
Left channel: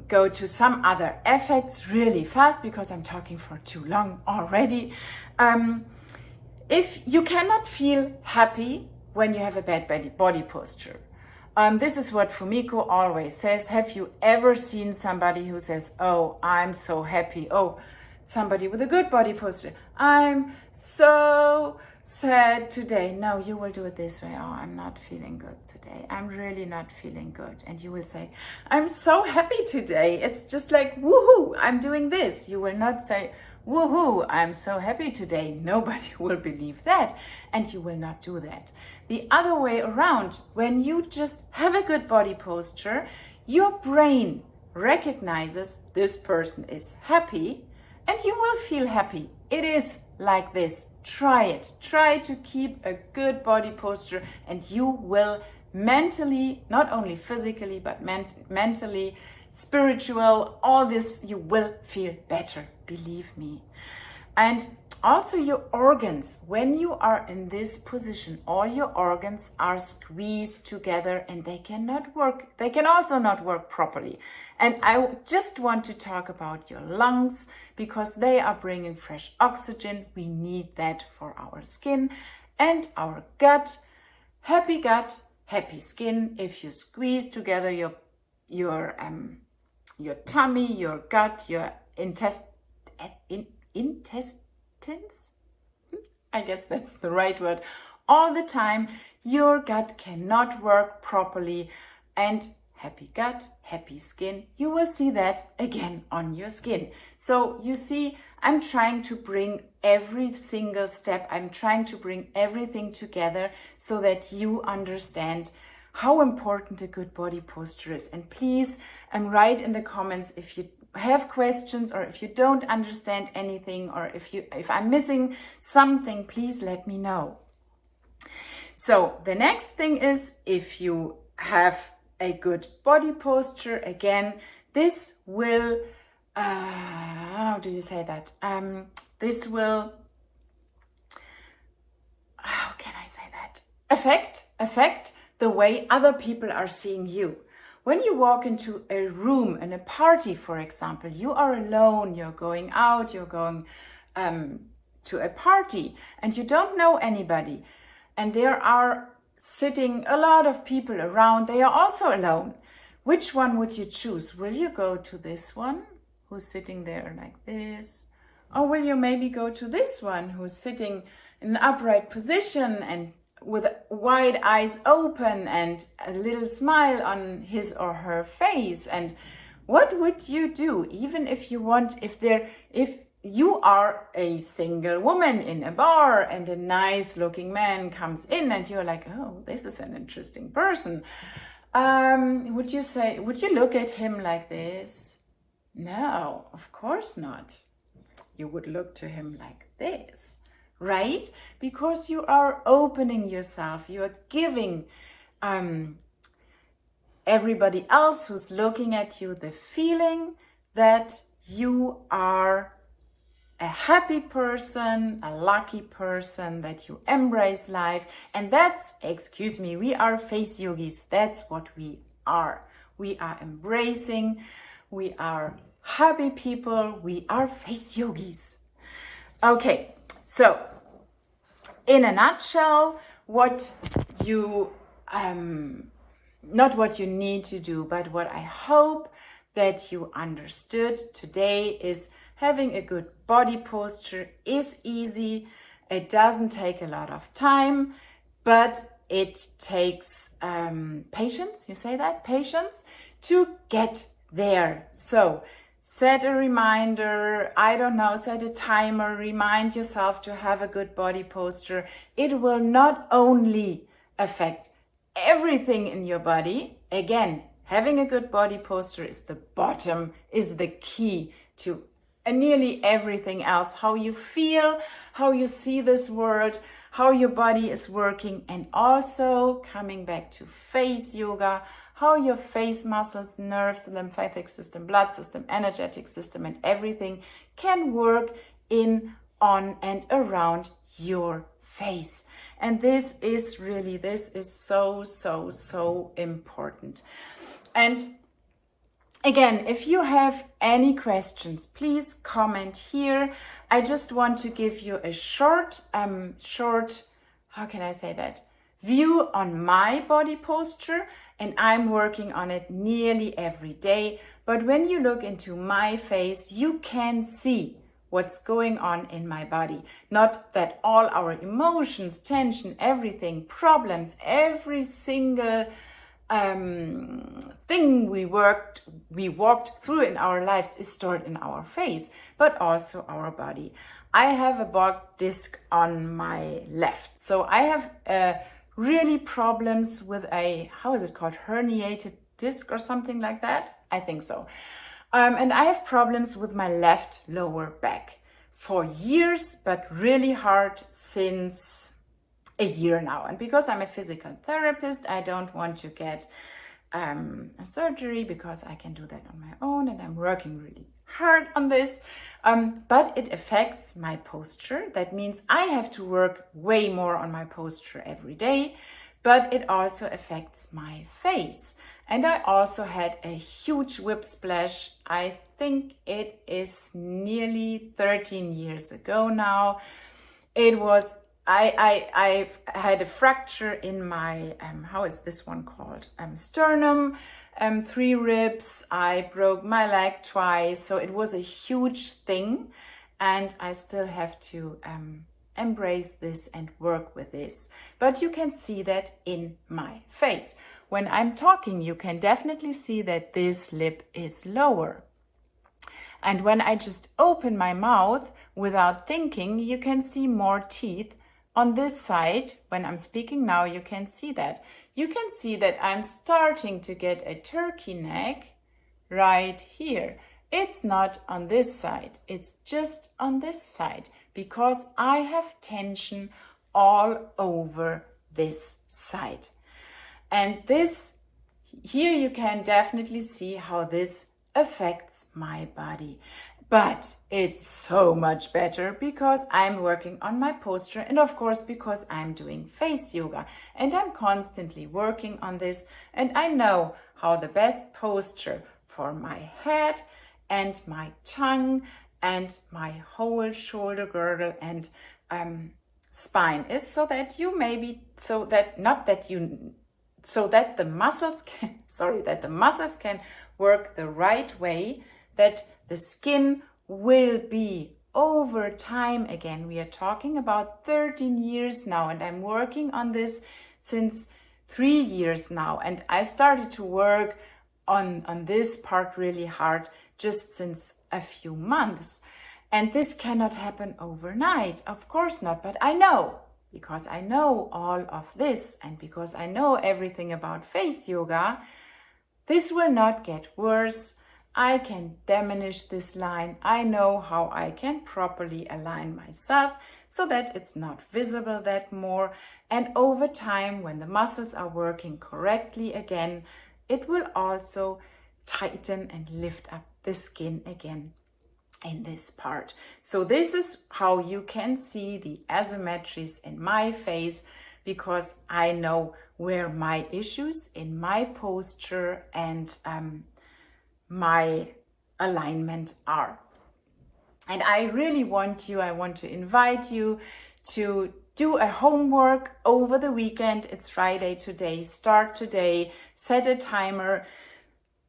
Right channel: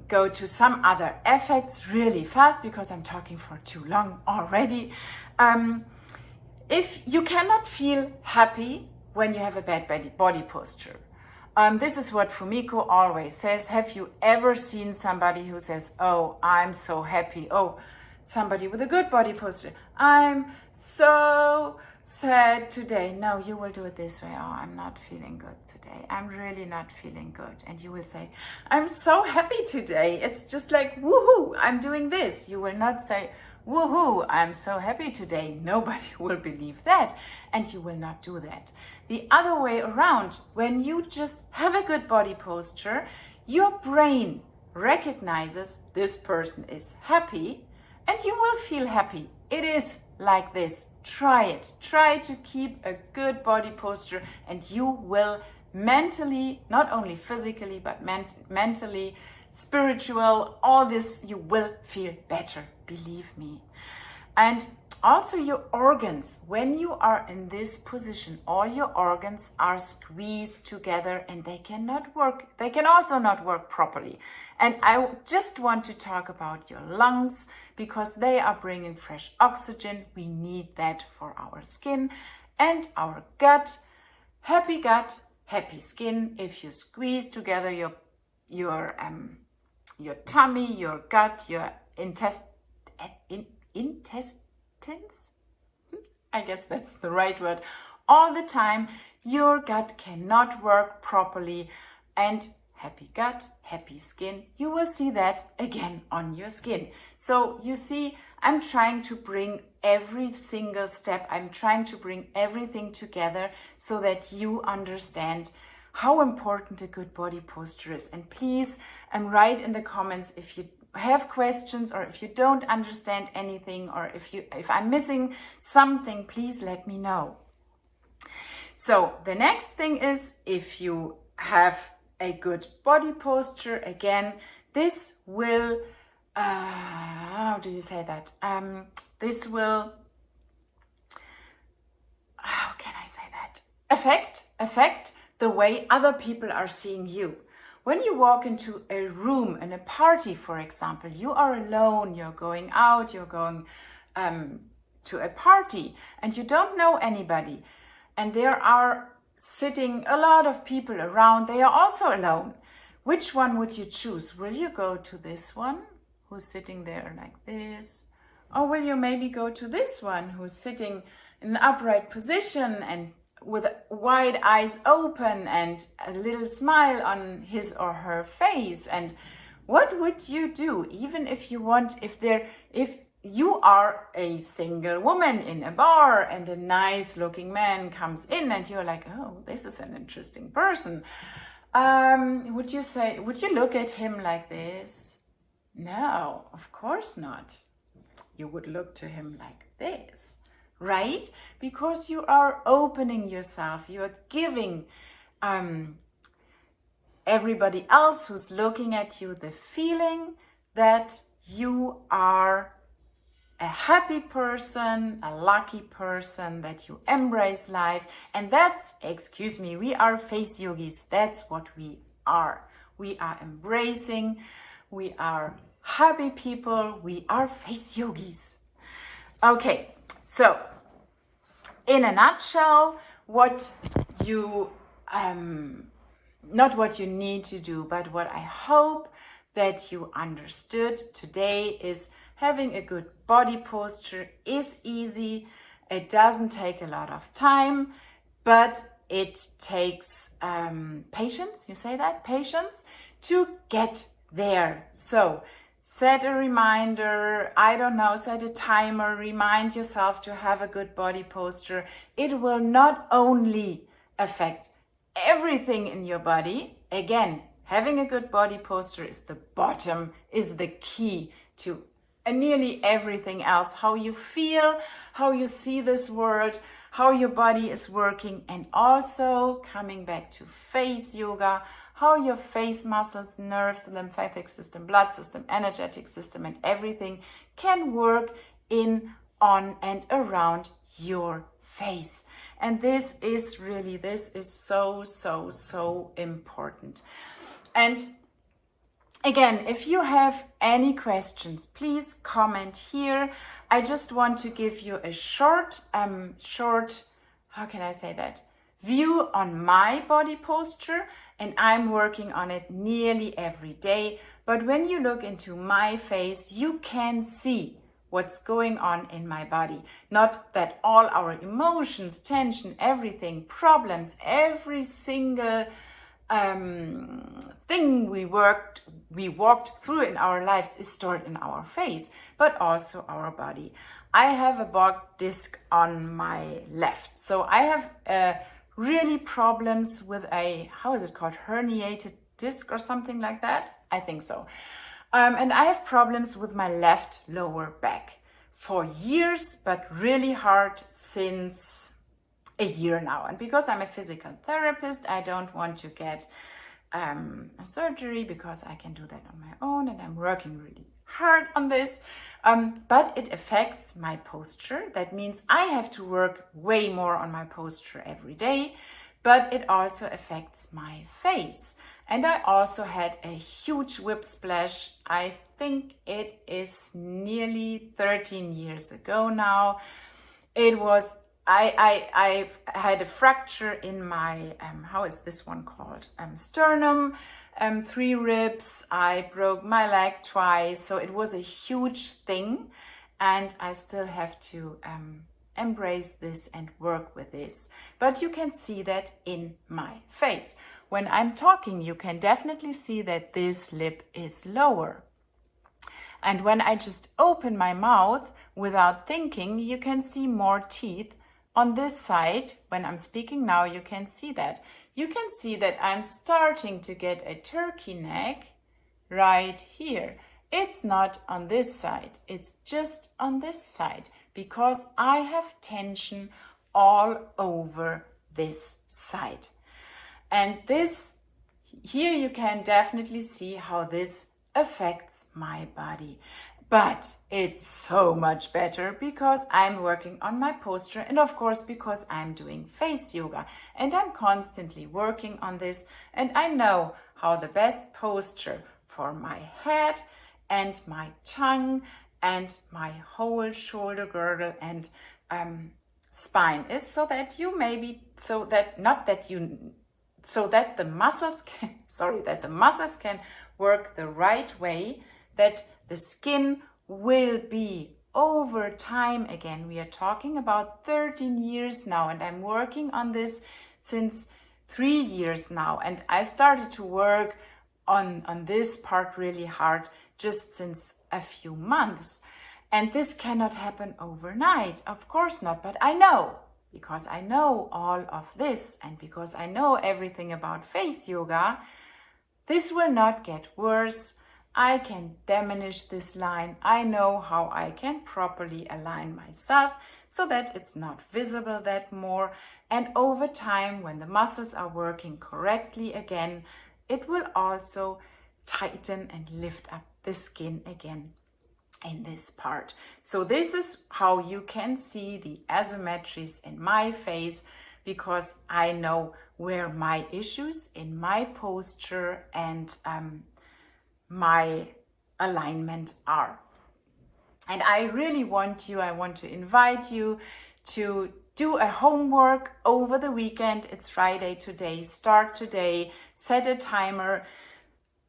go to some other effects really fast because I'm talking for too long already. If you cannot feel happy when you have a bad body posture, this is what Fumiko always says. Have you ever seen somebody who says, "Oh, I'm so happy"? Oh, somebody with a good body posture. "I'm so sad today." No, you will do it this way. "Oh, I'm not feeling good today. I'm really not feeling good." And you will say, "I'm so happy today. It's just like, woohoo, I'm doing this." You will not say, "Woohoo, I'm so happy today." Nobody will believe that, and you will not do that. The other way around, when you just have a good body posture, your brain recognizes this person is happy, and you will feel happy. It is like this. Try it. Try to keep a good body posture, and you will mentally, not only physically, but mentally, spiritual, all this, you will feel better. Believe me. And also your organs, when you are in this position, all your organs are squeezed together and they cannot work. They can also not work properly. And I just want to talk about your lungs because they are bringing fresh oxygen. We need that for our skin and our gut, happy skin. If you squeeze together your tummy, your gut, your intestines, I guess that's the right word, all the time, your gut cannot work properly. And happy gut, happy skin, you will see that again on your skin. So you see, I'm trying to bring every single step, I'm trying to bring everything together so that you understand how important a good body posture is. And please, write in the comments if you have questions or if you don't understand anything or if I'm missing something, please let me know. So the next thing is, if you have a good body posture, again, this will, how do you say that? This will, how can I say that? Affect the way other people are seeing you. When you walk into a room, in a party, for example, you are alone, you're going out, you're going to a party and you don't know anybody. And there are sitting a lot of people around, they are also alone. Which one would you choose? Will you go to this one who's sitting there like this? Or will you maybe go to this one who's sitting in an upright position and with wide eyes open and a little smile on his or her face? And what would you do? Even if you want, if you are a single woman in a bar and a nice looking man comes in and you're like, oh, this is an interesting person. Would you look at him like this? No, of course not. You would look to him like this, right? Because you are opening yourself. You are giving everybody else who's looking at you the feeling that you are a happy person, a lucky person, that you embrace life. And that's, excuse me, we are face yogis. That's what we are. We are embracing, we are happy people, we are face yogis. Okay, so in a nutshell, what you, not what you need to do, but what I hope that you understood today is having a good body posture is easy. It doesn't take a lot of time, but it takes patience, you say that? Patience to get there. So set a reminder, I don't know, set a timer, remind yourself to have a good body posture. It will not only affect everything in your body. Again, having a good body posture is the bottom, is the key to nearly everything else. How you feel, how you see this world, how your body is working, and also coming back to face yoga, how your face muscles, nerves, lymphatic system, blood system, energetic system, and everything can work in, on, and around your face. And this is so important. And again, if you have any questions, please comment here. I just want to give you a short, how can I say that? View on my body posture, and I'm working on it nearly every day. But when you look into my face, you can see what's going on in my body. Not that all our emotions, tension, everything, problems, every single thing we walked through in our lives is stored in our face, but also our body. I have a bulk disc on my left, so I have really problems with a, how is it called, herniated disc or something like that? I think so. And I have problems with my left lower back for years, but really hard since a year now. And because I'm a physical therapist, I don't want to get a surgery because I can do that on my own, and I'm working really hard on this. But it affects my posture. That means I have to work way more on my posture every day, but it also affects my face. And I also had a huge whip splash. I think it is nearly 13 years ago now. It was, I had a fracture in my, how is this one called? Sternum, 3 ribs. I broke my leg twice. So it was a huge thing. And I still have to embrace this and work with this. But you can see that in my face. When I'm talking, you can definitely see that this lip is lower. And when I just open my mouth without thinking, you can see more teeth on this side. When I'm speaking now, you can see that. You can see that I'm starting to get a turkey neck right here. It's not on this side. It's just on this side because I have tension all over this side. And this, here you can definitely see how this affects my body. But it's so much better because I'm working on my posture, and of course because I'm doing face yoga and I'm constantly working on this, and I know how the best posture for my head and my tongue and my whole shoulder girdle and spine is, so that you maybe, so that the muscles can work the right way, that the skin will be over time. Again, we are talking about 13 years now, and I'm working on this since 3 years now, and I started to work on this part really hard just since a few months. And this cannot happen overnight, of course not, but I know, because I know all of this and because I know everything about face yoga, this will not get worse. I can diminish this line. I know how I can properly align myself so that it's not visible that more. And over time, when the muscles are working correctly again, it will also tighten and lift up the skin again in this part. So this is how you can see the asymmetries in my face, because I know where my issues in my posture and my alignment are. And I really want to invite you to do a homework over the weekend. It's Friday today. Start today. Set a timer.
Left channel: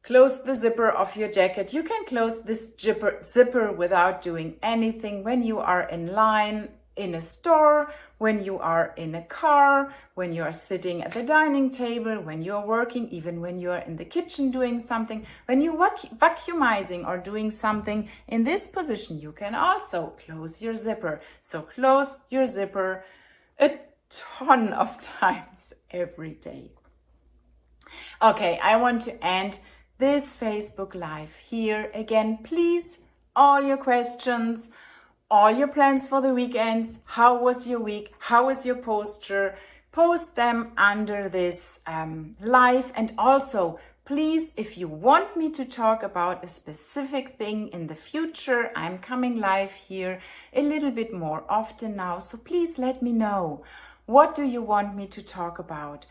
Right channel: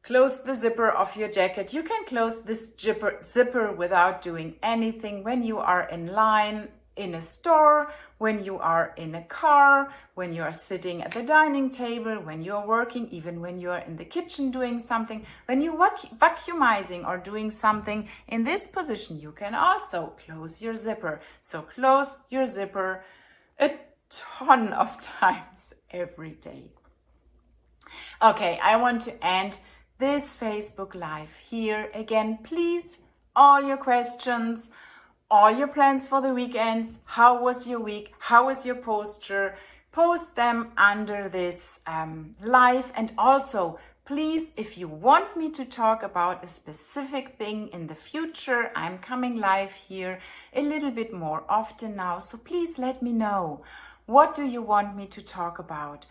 Close the zipper of your jacket. You can close this zipper without doing anything when you are in line in a store, when you are in a car, when you are sitting at the dining table, when you're working, even when you are in the kitchen doing something, when you vacuumizing or doing something in this position, you can also close your zipper. So close your zipper a ton of times every day. Okay, I want to end this Facebook Live here. Again, please, all your questions, all your plans for the weekends, how was your week, how is your posture, post them under this live. And also, please, if you want me to talk about a specific thing in the future, I'm coming live here a little bit more often now, so please let me know. What do you want me to talk about?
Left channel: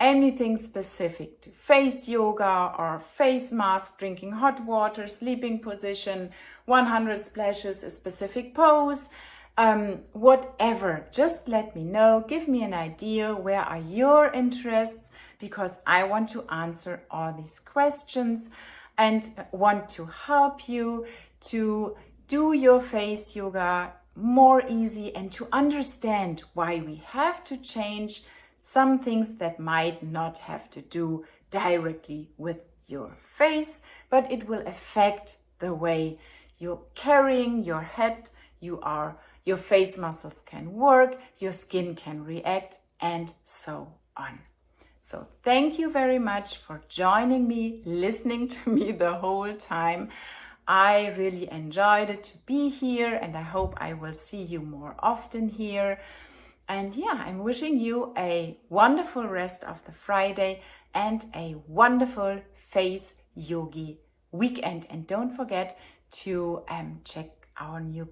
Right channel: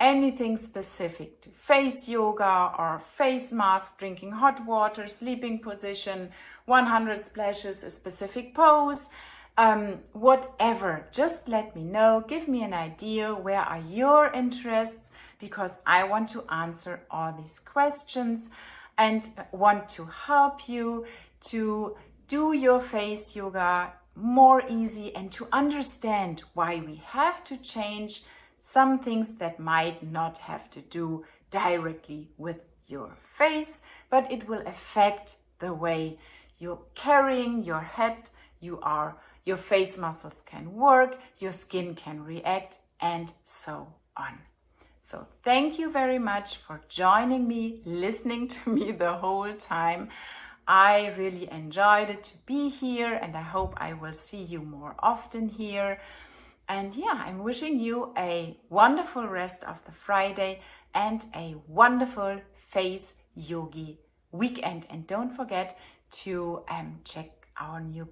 Anything specific to face yoga or face mask, drinking hot water, sleeping position, 100 splashes, a specific pose, whatever. Just let me know. Give me an idea. Where are your interests? Because I want to answer all these questions and want to help you to do your face yoga more easy and to understand why we have to change some things that might not have to do directly with your face, but it will affect the way you're carrying your head, your face muscles can work, your skin can react, and so on. So thank you very much for joining me, listening to me the whole time. I really enjoyed it to be here, and I hope I will see you more often here. And yeah, I'm wishing you a wonderful rest of the Friday and a wonderful face yogi weekend. And don't forget to check our new